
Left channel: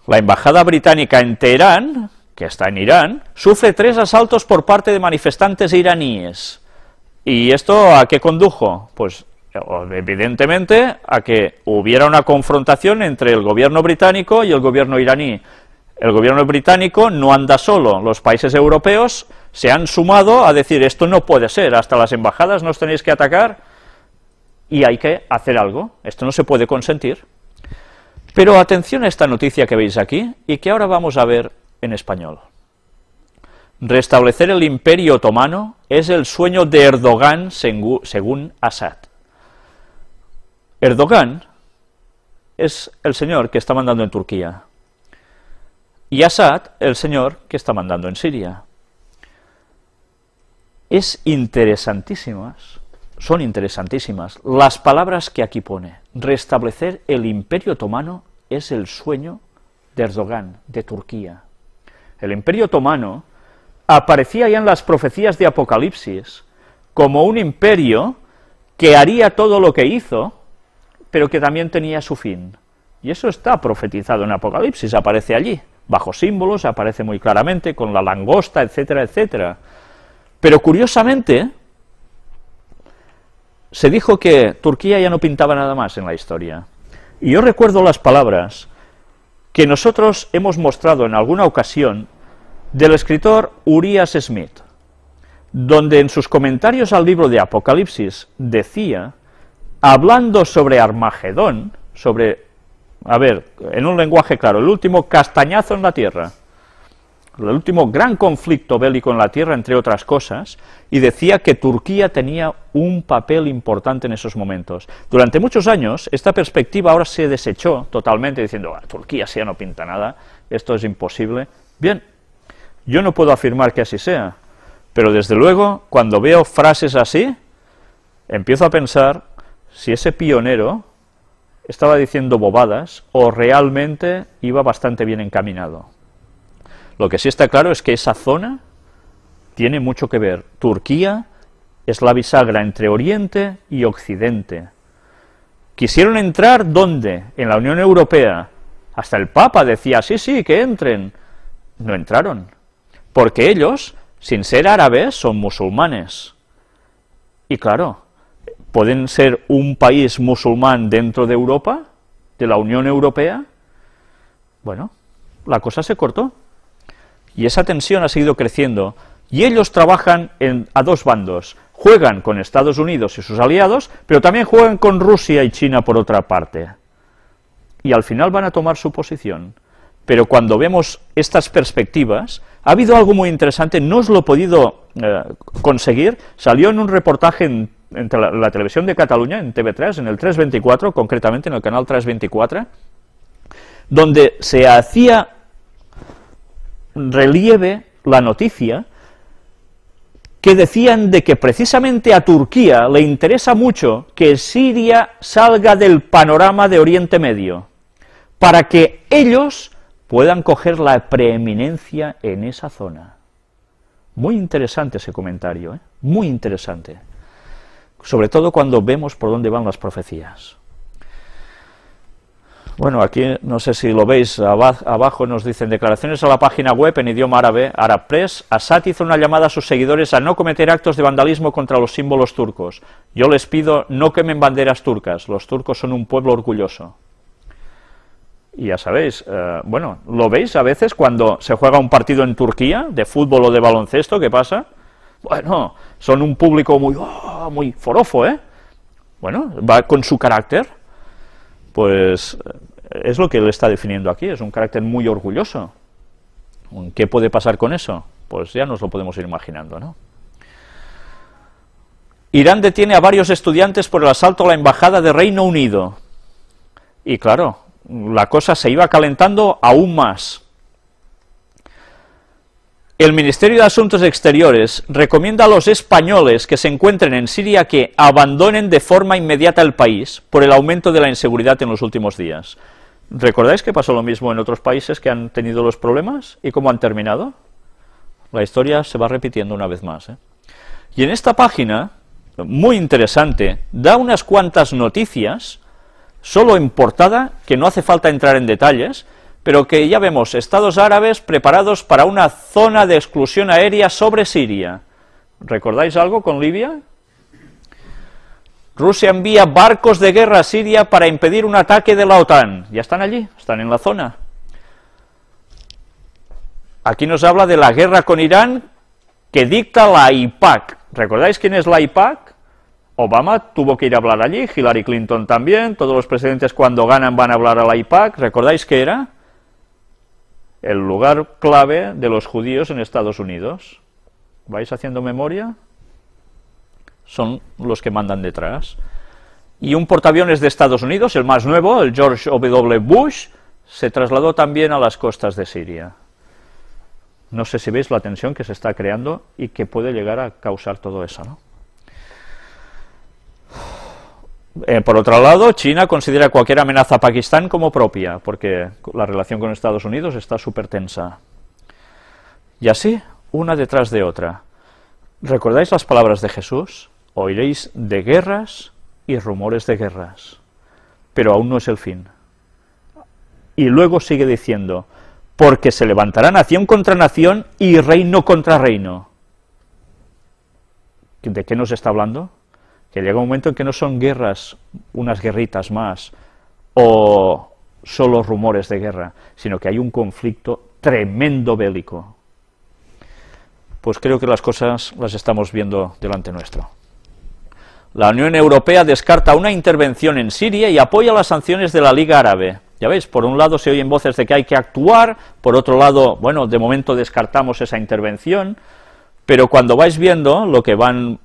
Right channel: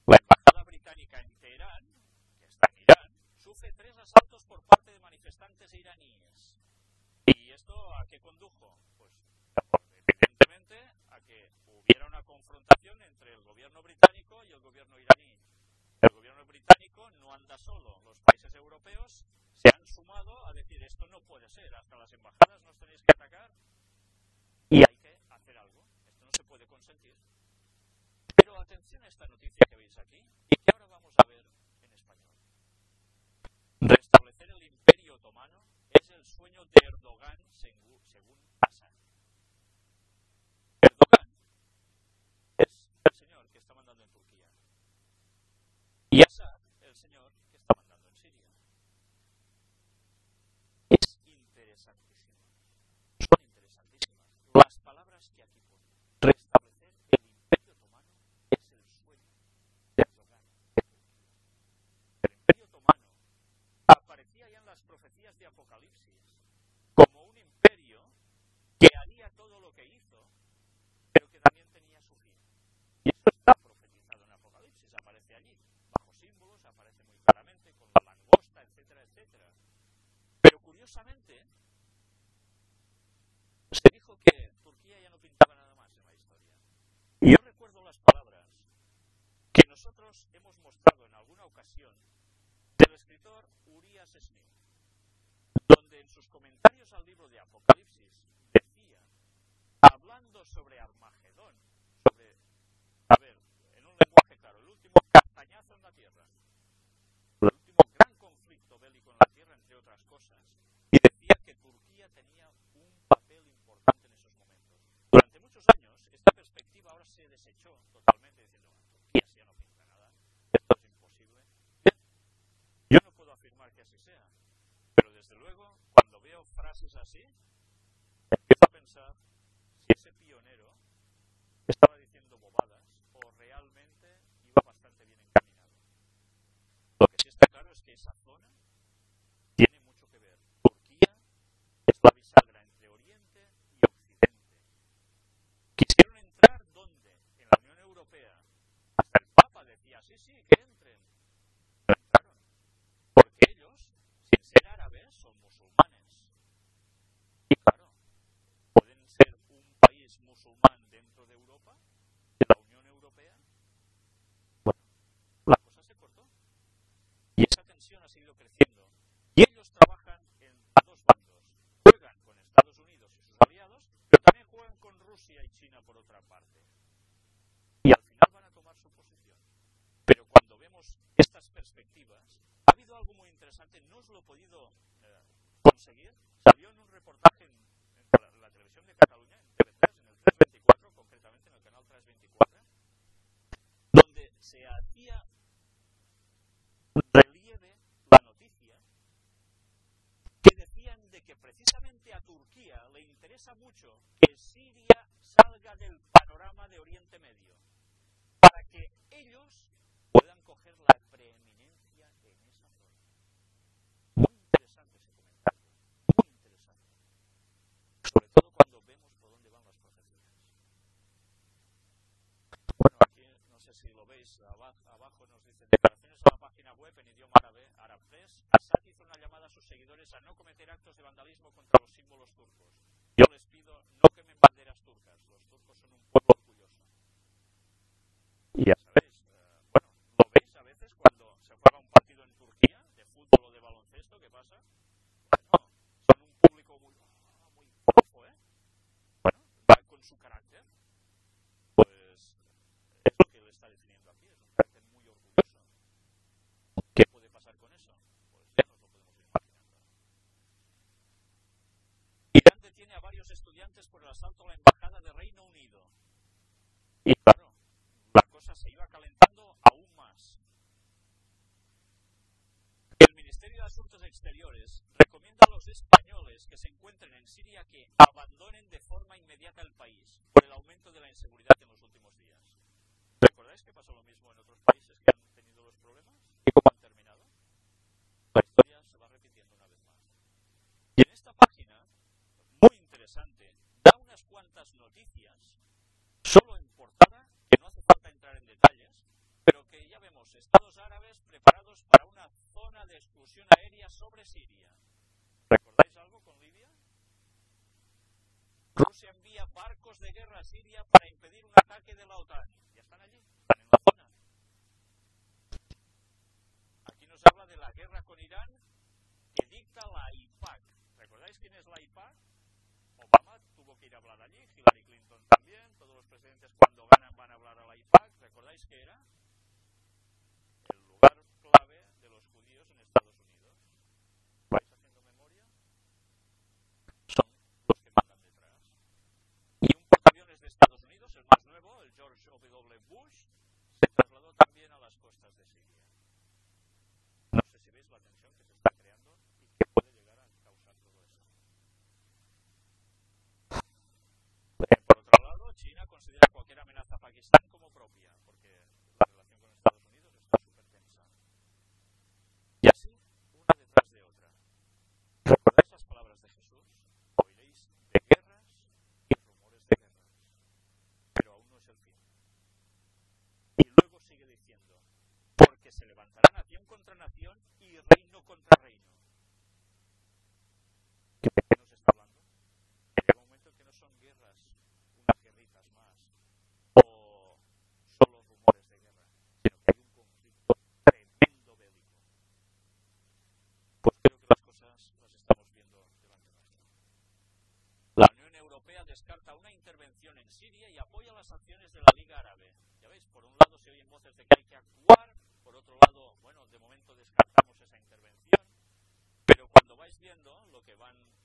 La embajada británica en Teherán, que está en Irán, sufre 3 asaltos por parte de manifestantes iraníes. ¿Y esto a qué condujo? Pues evidentemente a que hubiera una confrontación entre el gobierno británico y el gobierno iraní. El gobierno británico no anda solo, los países europeos se han sumado a decir esto no puede ser, hasta las embajadas nos tenéis que atacar y hay que hacer algo, esto no se puede consentir. Pero atención a esta noticia que veis aquí y que ahora vamos a ver en español. Restablecer el Imperio Otomano es el sueño de Erdogan según Assad. Erdogan es el señor que está mandando en Turquía y Assad el señor que está mandando en Siria. Son interesantísimas las palabras que aquí pone. Restablecer el Imperio Otomano es el sueño de Erdogan, de Turquía. El Imperio Otomano aparecía ya en las profecías de Apocalipsis como un imperio que haría todo lo que hizo, pero que también tenía su fin. Y eso está profetizado en Apocalipsis, aparece allí, bajo símbolos, aparece muy claramente, con la langosta, etcétera, etcétera. Pero curiosamente, se dijo que Turquía ya no pintaba nada más en la historia. Y yo recuerdo las palabras que nosotros hemos mostrado en alguna ocasión del escritor Urias Smith, donde en sus comentarios al libro de Apocalipsis decía, hablando sobre Armagedón, en un lenguaje claro, el último castañazo en la tierra, el último gran conflicto bélico en la tierra, entre otras cosas, y decía que Turquía tenía un papel importante en esos momentos. Durante muchos años, esta perspectiva ahora se desechó totalmente, diciendo, Turquía sí ya no pinta nada, esto es imposible. Bien, yo no puedo afirmar que así sea, pero desde luego, cuando veo frases así, empiezo a pensar si ese pionero estaba diciendo bobadas o realmente iba bastante bien encaminado. Lo que sí está claro es que esa zona tiene mucho que ver. Turquía es la bisagra entre Oriente y Occidente. Quisieron entrar, ¿dónde? En la Unión Europea. Hasta el Papa decía, sí, que entren. No entraron, porque ellos, sin ser árabes, son musulmanes. Y claro, ¿pueden ser un país musulmán dentro de Europa, de la Unión Europea? Bueno, la cosa se cortó. Y esa tensión ha seguido creciendo, y ellos trabajan a dos bandos, juegan con Estados Unidos y sus aliados, pero también juegan con Rusia y China por otra parte. Y al final van a tomar su posición. Pero cuando vemos estas perspectivas, ha habido algo muy interesante, no os lo he podido conseguir, salió en un reportaje en la televisión de Cataluña, en TV3, en el 324, concretamente en el canal 324, donde se hacía relieve la noticia que decían de que precisamente a Turquía le interesa mucho que Siria salga del panorama de Oriente Medio, para que ellos puedan coger la preeminencia en esa zona. Muy interesante ese comentario, muy interesante, sobre todo cuando vemos por dónde van las profecías. Bueno, aquí no sé si lo veis, abajo nos dicen declaraciones a la página web en idioma árabe, Arab Press. Assad hizo una llamada a sus seguidores a no cometer actos de vandalismo contra los símbolos turcos. Yo les pido no quemen banderas turcas, los turcos son un pueblo orgulloso. Y ya sabéis, bueno, ¿lo veis a veces cuando se juega un partido en Turquía, de fútbol o de baloncesto? ¿Qué pasa? Bueno, son un público muy forofo, Bueno, va con su carácter, pues es lo que él está definiendo aquí, es un carácter muy orgulloso. ¿Qué puede pasar con eso? Pues ya nos lo podemos ir imaginando, ¿no? Irán detiene a varios estudiantes por el asalto a la embajada de Reino Unido. Y claro, la cosa se iba calentando aún más. El Ministerio de Asuntos Exteriores recomienda a los españoles que se encuentren en Siria que abandonen de forma inmediata el país por el aumento de la inseguridad en los últimos días. ¿Recordáis que pasó lo mismo en otros países que han tenido los problemas? ¿Y cómo han terminado? La historia se va repitiendo una vez más, Y en esta página, muy interesante, da unas cuantas noticias, solo en portada, que no hace falta entrar en detalles, pero que ya vemos, estados árabes preparados para una zona de exclusión aérea sobre Siria. ¿Recordáis algo con Libia? Rusia envía barcos de guerra a Siria para impedir un ataque de la OTAN. Ya están allí, están en la zona. Aquí nos habla de la guerra con Irán que dicta la AIPAC. ¿Recordáis quién es la AIPAC? Obama tuvo que ir a hablar allí, Hillary Clinton también, todos los presidentes cuando ganan van a hablar a la AIPAC. ¿Recordáis qué era? El lugar clave de los judíos en Estados Unidos. ¿Vais haciendo memoria? Son los que mandan detrás. Y un portaaviones de Estados Unidos, el más nuevo, el George W. Bush, se trasladó también a las costas de Siria. No sé si veis la tensión que se está creando y que puede llegar a causar todo eso, ¿no? Por otro lado, China considera cualquier amenaza a Pakistán como propia, porque la relación con Estados Unidos está súper tensa. Y así, una detrás de otra. ¿Recordáis las palabras de Jesús? Oiréis de guerras y rumores de guerras, pero aún no es el fin. Y luego sigue diciendo, porque se levantará nación contra nación y reino contra reino. ¿De qué nos está hablando? Que llega un momento en que no son guerras, unas guerritas más, o solo rumores de guerra, sino que hay un conflicto tremendo bélico. Pues creo que las cosas las estamos viendo delante nuestro. La Unión Europea descarta una intervención en Siria y apoya las sanciones de la Liga Árabe. Ya veis, por un lado se oyen voces de que hay que actuar, por otro lado, bueno, de momento descartamos esa intervención, pero cuando vais viendo lo que van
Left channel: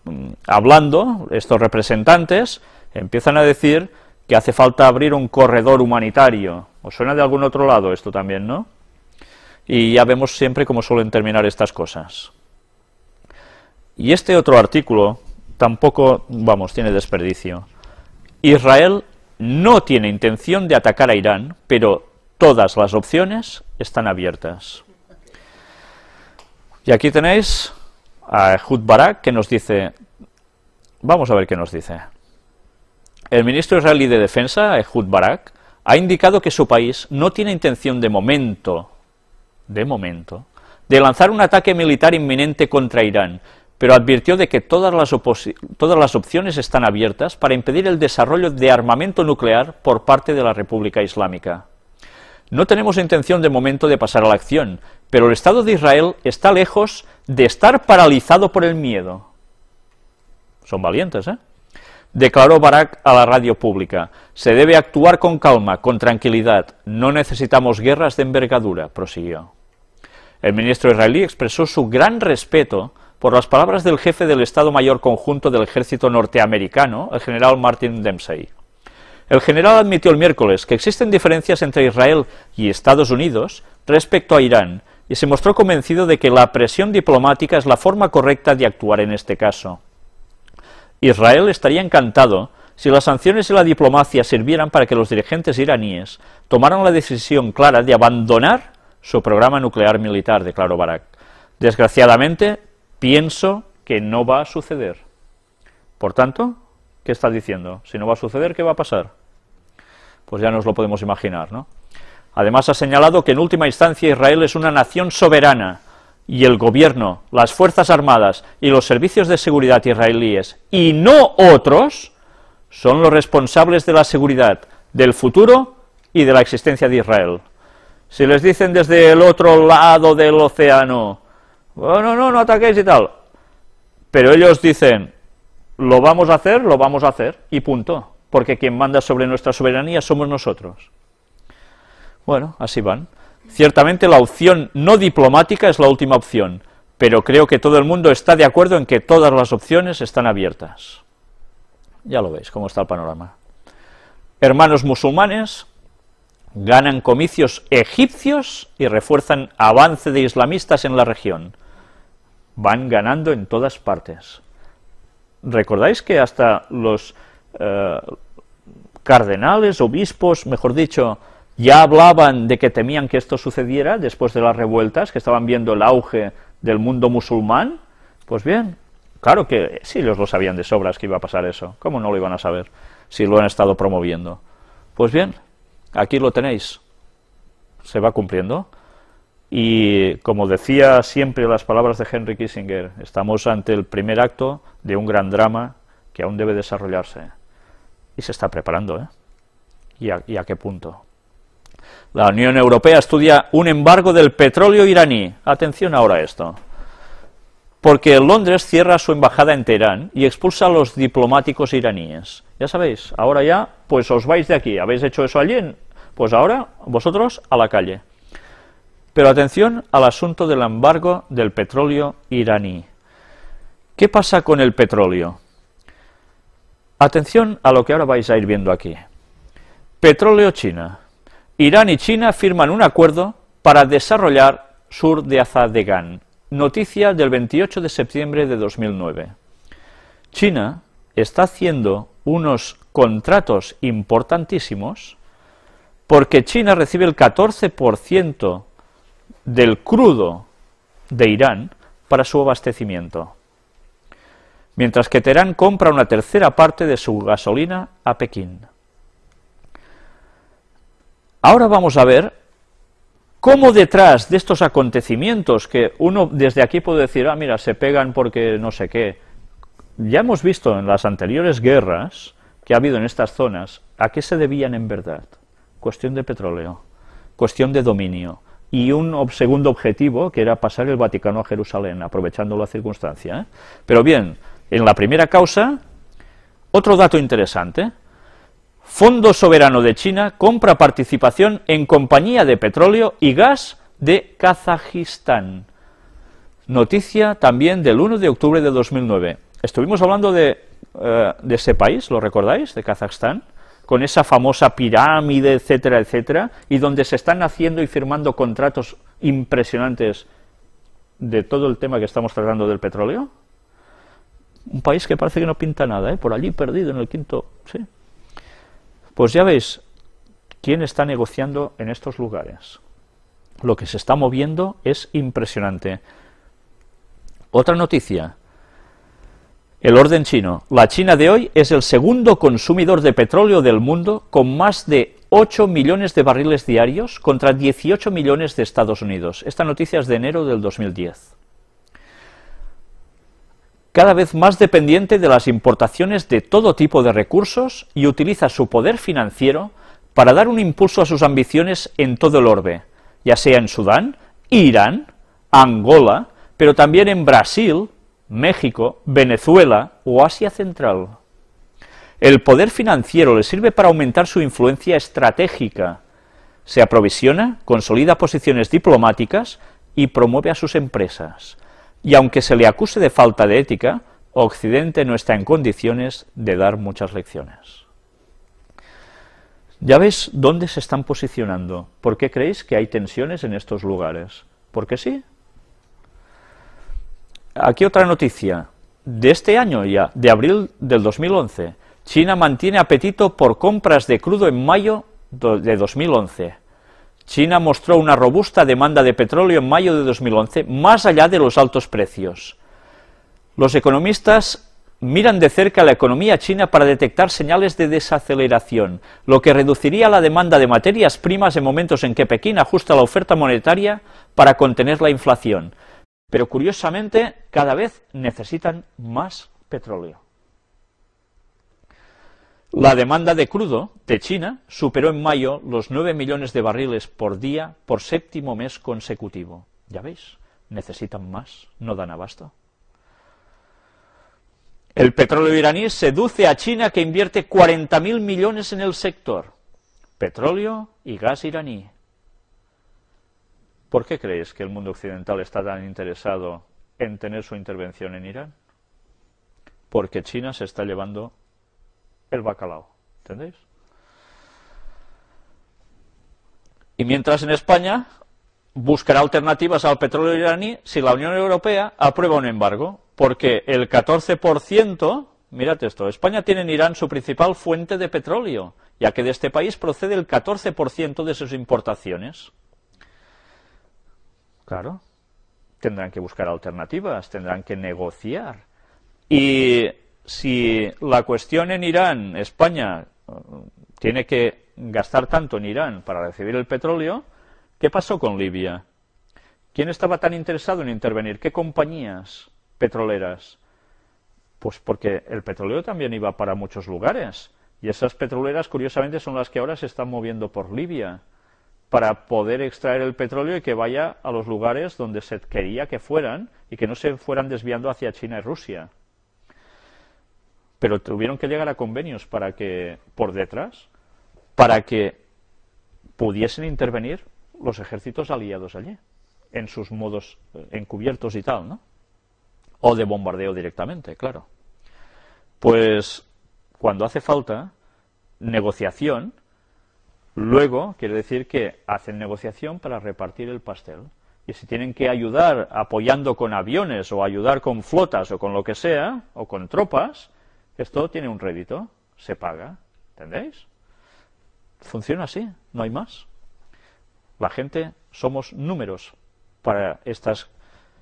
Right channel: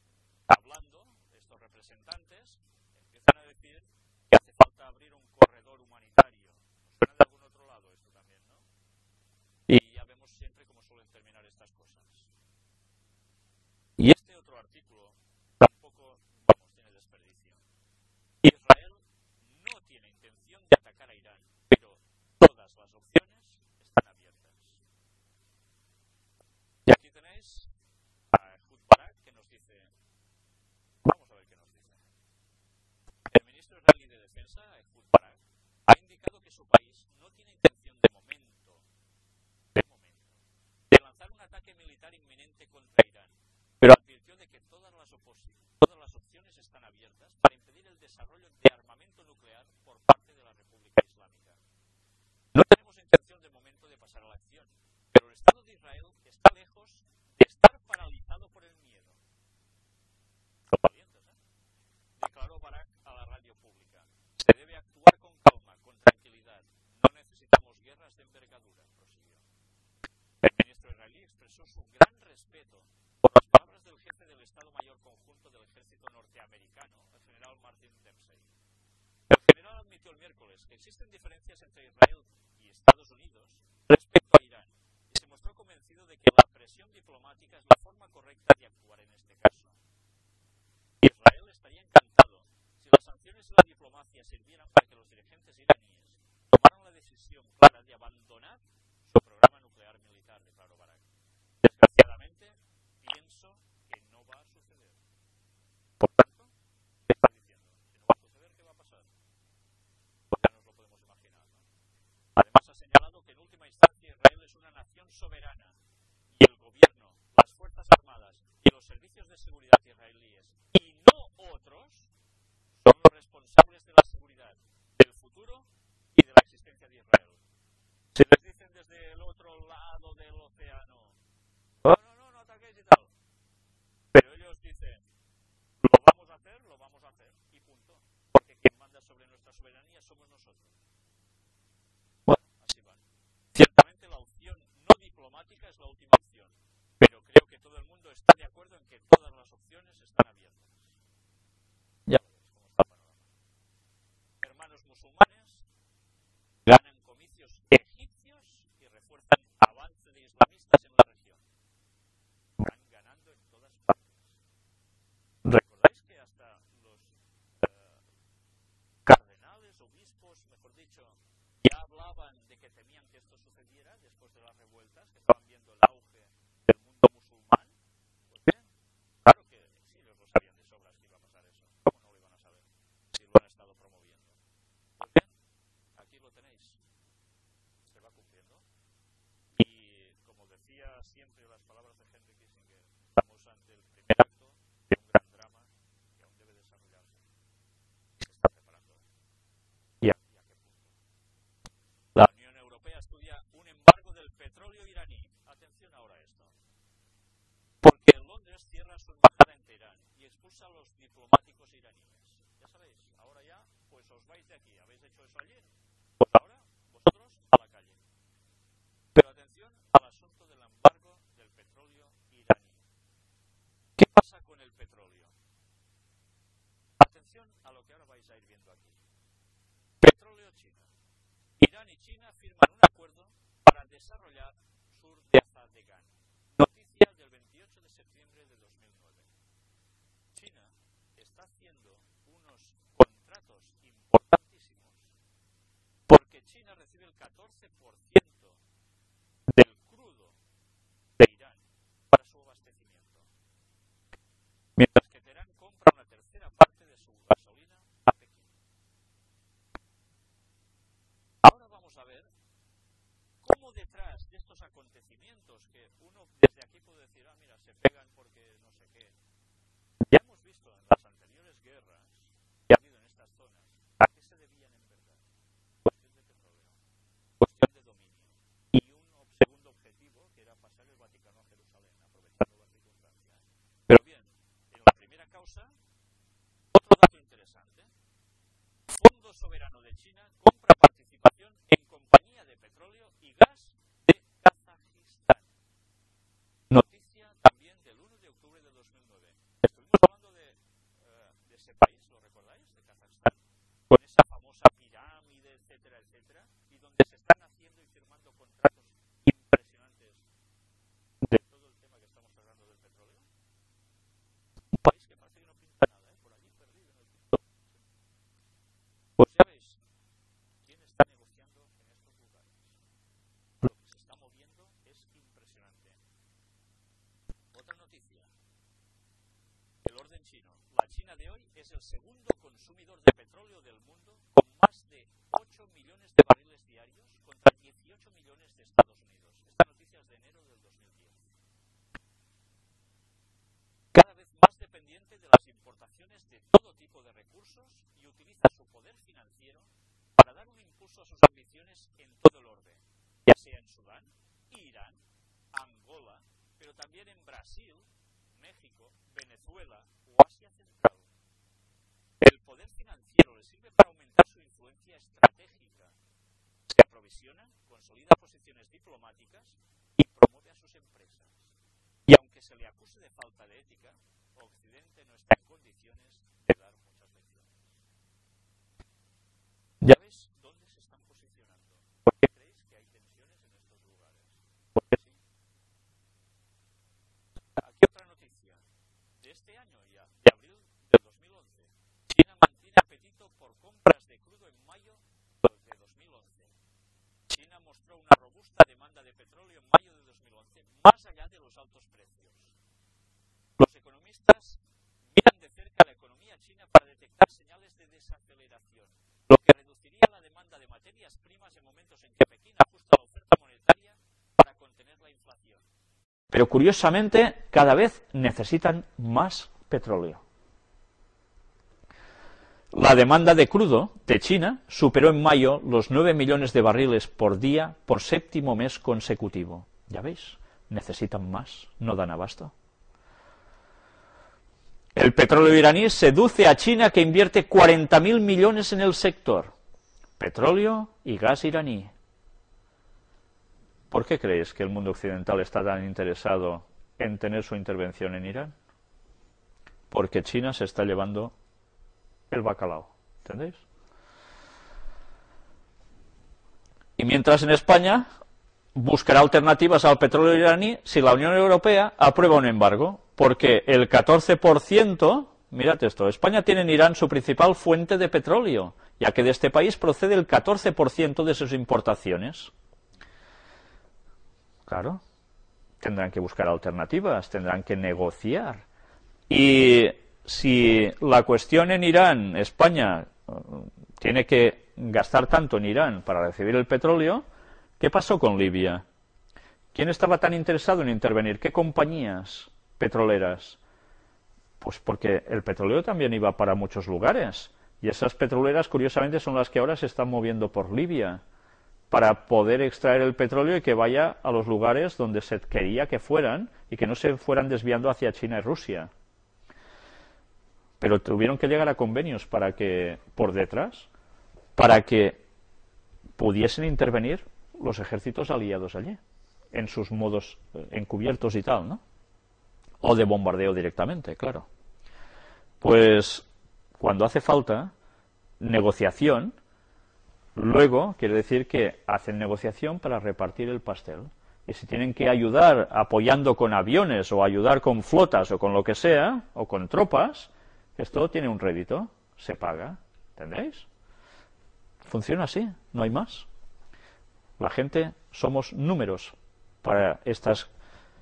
hablando estos representantes, empiezan a decir que hace falta abrir un corredor humanitario. ¿Os suena de algún otro lado esto también, no? Y ya vemos siempre cómo suelen terminar estas cosas. Y este otro artículo tampoco, vamos, tiene desperdicio. Israel no tiene intención de atacar a Irán, pero todas las opciones están abiertas. Y aquí tenéis a Ehud Barak, que nos dice, vamos a ver qué nos dice. El ministro israelí de Defensa, Ehud Barak, ha indicado que su país no tiene intención de momento, de lanzar un ataque militar inminente contra Irán, pero advirtió de que todas las opciones están abiertas para impedir el desarrollo de armamento nuclear por parte de la República Islámica. No tenemos intención de momento de pasar a la acción, pero el Estado de Israel está lejos de estar paralizado por el miedo. Son valientes, ¿eh? Declaró Barak a la radio pública. Se debe actuar con calma, con tranquilidad. No necesitamos guerras de envergadura, prosiguió. El ministro israelí expresó su gran respeto por las palabras del jefe del Estado Mayor Conjunto del Ejército Norteamericano, el general Martin Dempsey. El general admitió el miércoles que existen diferencias entre Israel y Estados Unidos respecto a Irán y se mostró convencido de que la presión diplomática es la forma correcta de actuar en este caso. Israel estaría encantado si las sanciones y la diplomacia sirvieran para que los dirigentes iraníes tomaran la decisión clara de abandonar su programa nuclear militar, declaró Barak. Desgraciadamente, pienso que no va a suceder. Por tanto, ¿qué está diciendo? Si no va a suceder, ¿qué va a pasar? Pues ya nos lo podemos imaginar, ¿no? Además ha señalado que en última instancia Israel es una nación soberana y el gobierno, las fuerzas armadas y los servicios de seguridad israelíes, y no otros, son los responsables de la seguridad, del futuro y de la existencia de Israel. Si les dicen desde el otro lado del océano, bueno, no ataquéis y tal, pero ellos dicen, lo vamos a hacer, y punto, porque quien manda sobre nuestra soberanía somos nosotros. Bueno, así van. Ciertamente la opción no diplomática es la última opción, pero creo que todo el mundo está de acuerdo en que todas las opciones están abiertas. Ya lo veis, cómo está el panorama. Hermanos musulmanes ganan comicios egipcios y refuerzan avance de islamistas en la región. Van ganando en todas partes. ¿Recordáis que hasta los cardenales, obispos, mejor dicho, ya hablaban de que temían que esto sucediera después de las revueltas, que estaban viendo el auge del mundo musulmán? Pues bien, claro que sí, ellos lo sabían de sobras que iba a pasar eso. ¿Cómo no lo iban a saber si lo han estado promoviendo? Pues bien, aquí lo tenéis. Se va cumpliendo. Y como decía siempre las palabras de Henry Kissinger, estamos ante el primer acto de un gran drama que aún debe desarrollarse. Y se está preparando, ¿eh? ¿Y a qué punto? La Unión Europea estudia un embargo del petróleo iraní. Atención ahora a esto. porque Londres cierra su embajada en Teherán y expulsa a los diplomáticos iraníes. Ya sabéis, ahora ya, pues os vais de aquí, habéis hecho eso allí, pues ahora vosotros a la calle. Pero atención al asunto del embargo del petróleo iraní. ¿Qué pasa con el petróleo? Atención a lo que ahora vais a ir viendo aquí. Petróleo China. Irán y China firman un acuerdo para desarrollar sur de Azadegán. Noticia del 28 de septiembre de 2009. China está haciendo unos contratos importantísimos porque China recibe el 14% del crudo de Irán para su abastecimiento, mientras que Teherán compra una tercera parte de su gasolina a Pekín. Ahora vamos a ver cómo detrás de estos acontecimientos, que uno desde aquí puede decir, ah, mira, se pegan porque no sé qué, ya hemos visto en las anteriores guerras que ha habido en estas zonas, ¿a qué se debían en verdad? Cuestión de petróleo, cuestión de dominio, y un segundo objetivo, que era pasar el Vaticano a Jerusalén, aprovechando la circunstancia, ¿eh? Pero bien, en la primera causa, otro dato interesante. Fondo Soberano de China compra participación en compañía de petróleo y gas de Kazajistán. Noticia también del 1 de octubre de 2009. Estuvimos hablando de ese país, ¿lo recordáis? De Kazajstán, con esa famosa pirámide, etcétera, etcétera, y donde se están haciendo y firmando contratos impresionantes de todo el tema que estamos tratando del petróleo. Un país que parece que no pinta nada, ¿eh? Por allí perdido en el quinto, ¿sí? Pues ya veis quién está negociando en estos lugares. Lo que se está moviendo es impresionante. Otra noticia. El orden chino. La China de hoy es el segundo consumidor de petróleo del mundo, con más de 8 millones de barriles diarios contra 18 millones de Estados Unidos. Esta noticia es de enero del 2010. Cada vez más dependiente de las importaciones de todo tipo de recursos y utiliza su poder financiero para dar un impulso a sus ambiciones en todo el orbe, ya sea en Sudán, Irán, Angola, pero también en Brasil, México, Venezuela o Asia Central. El poder financiero le sirve para aumentar su influencia estratégica, se aprovisiona, consolida posiciones diplomáticas y promueve a sus empresas. Y aunque se le acuse de falta de ética, Occidente no está en condiciones de dar muchas lecciones. ¿Ya ves dónde se están posicionando? ¿Por qué creéis que hay tensiones en estos lugares? ¿Por qué sí? Aquí otra noticia. De este año ya, de abril del 2011, China mantiene apetito por compras de crudo en mayo de 2011. China mostró una robusta demanda de petróleo en mayo de 2011, más allá de los altos precios. Los economistas miran de cerca la economía china para detectar señales de desaceleración, lo que reduciría la demanda de materias primas en momentos en que Pekín ajusta la oferta monetaria para contener la inflación. Pero curiosamente, cada vez necesitan más petróleo. La demanda de crudo de China superó en mayo los 9 millones de barriles por día por séptimo mes consecutivo. ¿Ya veis? Necesitan más, no dan abasto. El petróleo iraní seduce a China, que invierte 40.000 millones en el sector. Petróleo y gas iraní. ¿Por qué creéis que el mundo occidental está tan interesado en tener su intervención en Irán? Porque China se está llevando el bacalao, ¿entendéis? Y mientras en España buscará alternativas al petróleo iraní si la Unión Europea aprueba un embargo, porque el 14%, mirad esto, España tiene en Irán su principal fuente de petróleo, ya que de este país procede el 14% de sus importaciones. Claro, tendrán que buscar alternativas, tendrán que negociar. Y si la cuestión en Irán, España tiene que gastar tanto en Irán para recibir el petróleo, ¿qué pasó con Libia? ¿Quién estaba tan interesado en intervenir? ¿Qué compañías petroleras? Pues porque el petróleo también iba para muchos lugares, y esas petroleras curiosamente son las que ahora se están moviendo por Libia. para poder extraer el petróleo y que vaya a los lugares donde se quería que fueran y que no se fueran desviando hacia China y Rusia. Pero tuvieron que llegar a convenios para que, por detrás, para que pudiesen intervenir los ejércitos aliados allí, en sus modos encubiertos y tal, ¿no? O de bombardeo directamente, claro. Pues cuando hace falta negociación, luego quiere decir que hacen negociación para repartir el pastel. Y si tienen que ayudar apoyando con aviones o ayudar con flotas o con lo que sea, o con tropas, esto tiene un rédito, se paga, ¿entendéis? Funciona así, no hay más. La gente somos números para estas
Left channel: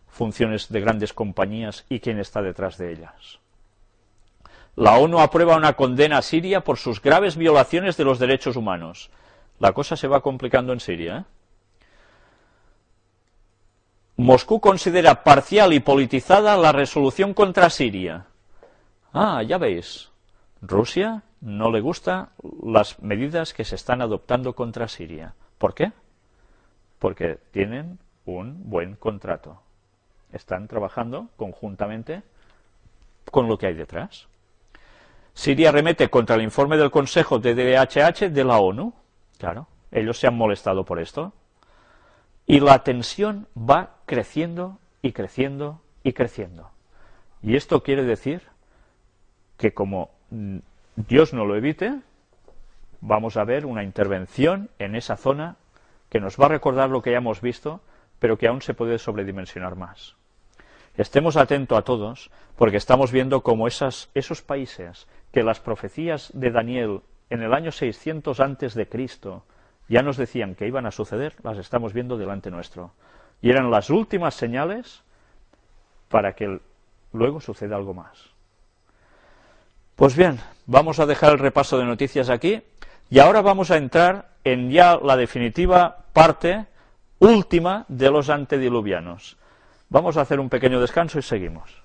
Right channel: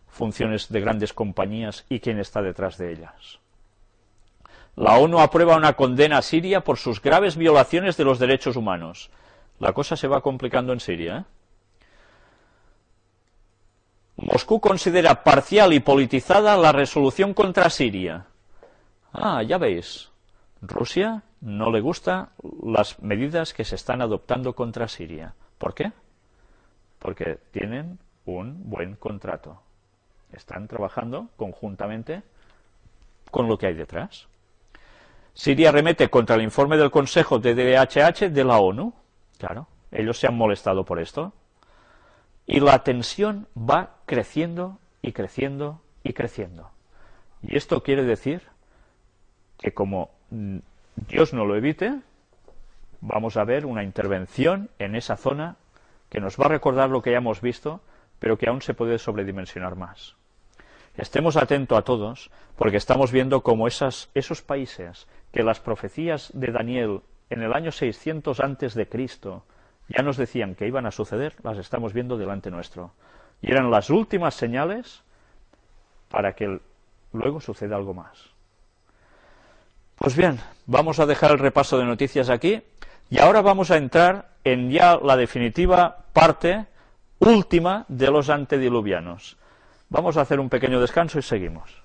funciones de grandes compañías y quién está detrás de ellas. La ONU aprueba una condena a Siria por sus graves violaciones de los derechos humanos. La cosa se va complicando en Siria, ¿eh? Moscú considera parcial y politizada la resolución contra Siria. Ah, ya veis, Rusia no le gustan las medidas que se están adoptando contra Siria. ¿Por qué? Porque tienen un buen contrato. Están trabajando conjuntamente con lo que hay detrás. Siria remete contra el informe del Consejo de DHH de la ONU. Claro, ellos se han molestado por esto. Y la tensión va creciendo y creciendo y creciendo. Y esto quiere decir que como Dios no lo evite, vamos a ver una intervención en esa zona que nos va a recordar lo que ya hemos visto, pero que aún se puede sobredimensionar más. Estemos atentos a todos, porque estamos viendo cómo esos países que las profecías de Daniel en el año 600 antes de Cristo ya nos decían que iban a suceder, las estamos viendo delante nuestro. Y eran las últimas señales para que luego suceda algo más. Pues bien, vamos a dejar el repaso de noticias aquí y ahora vamos a entrar en ya la definitiva parte última de los antediluvianos. Vamos a hacer un pequeño descanso y seguimos.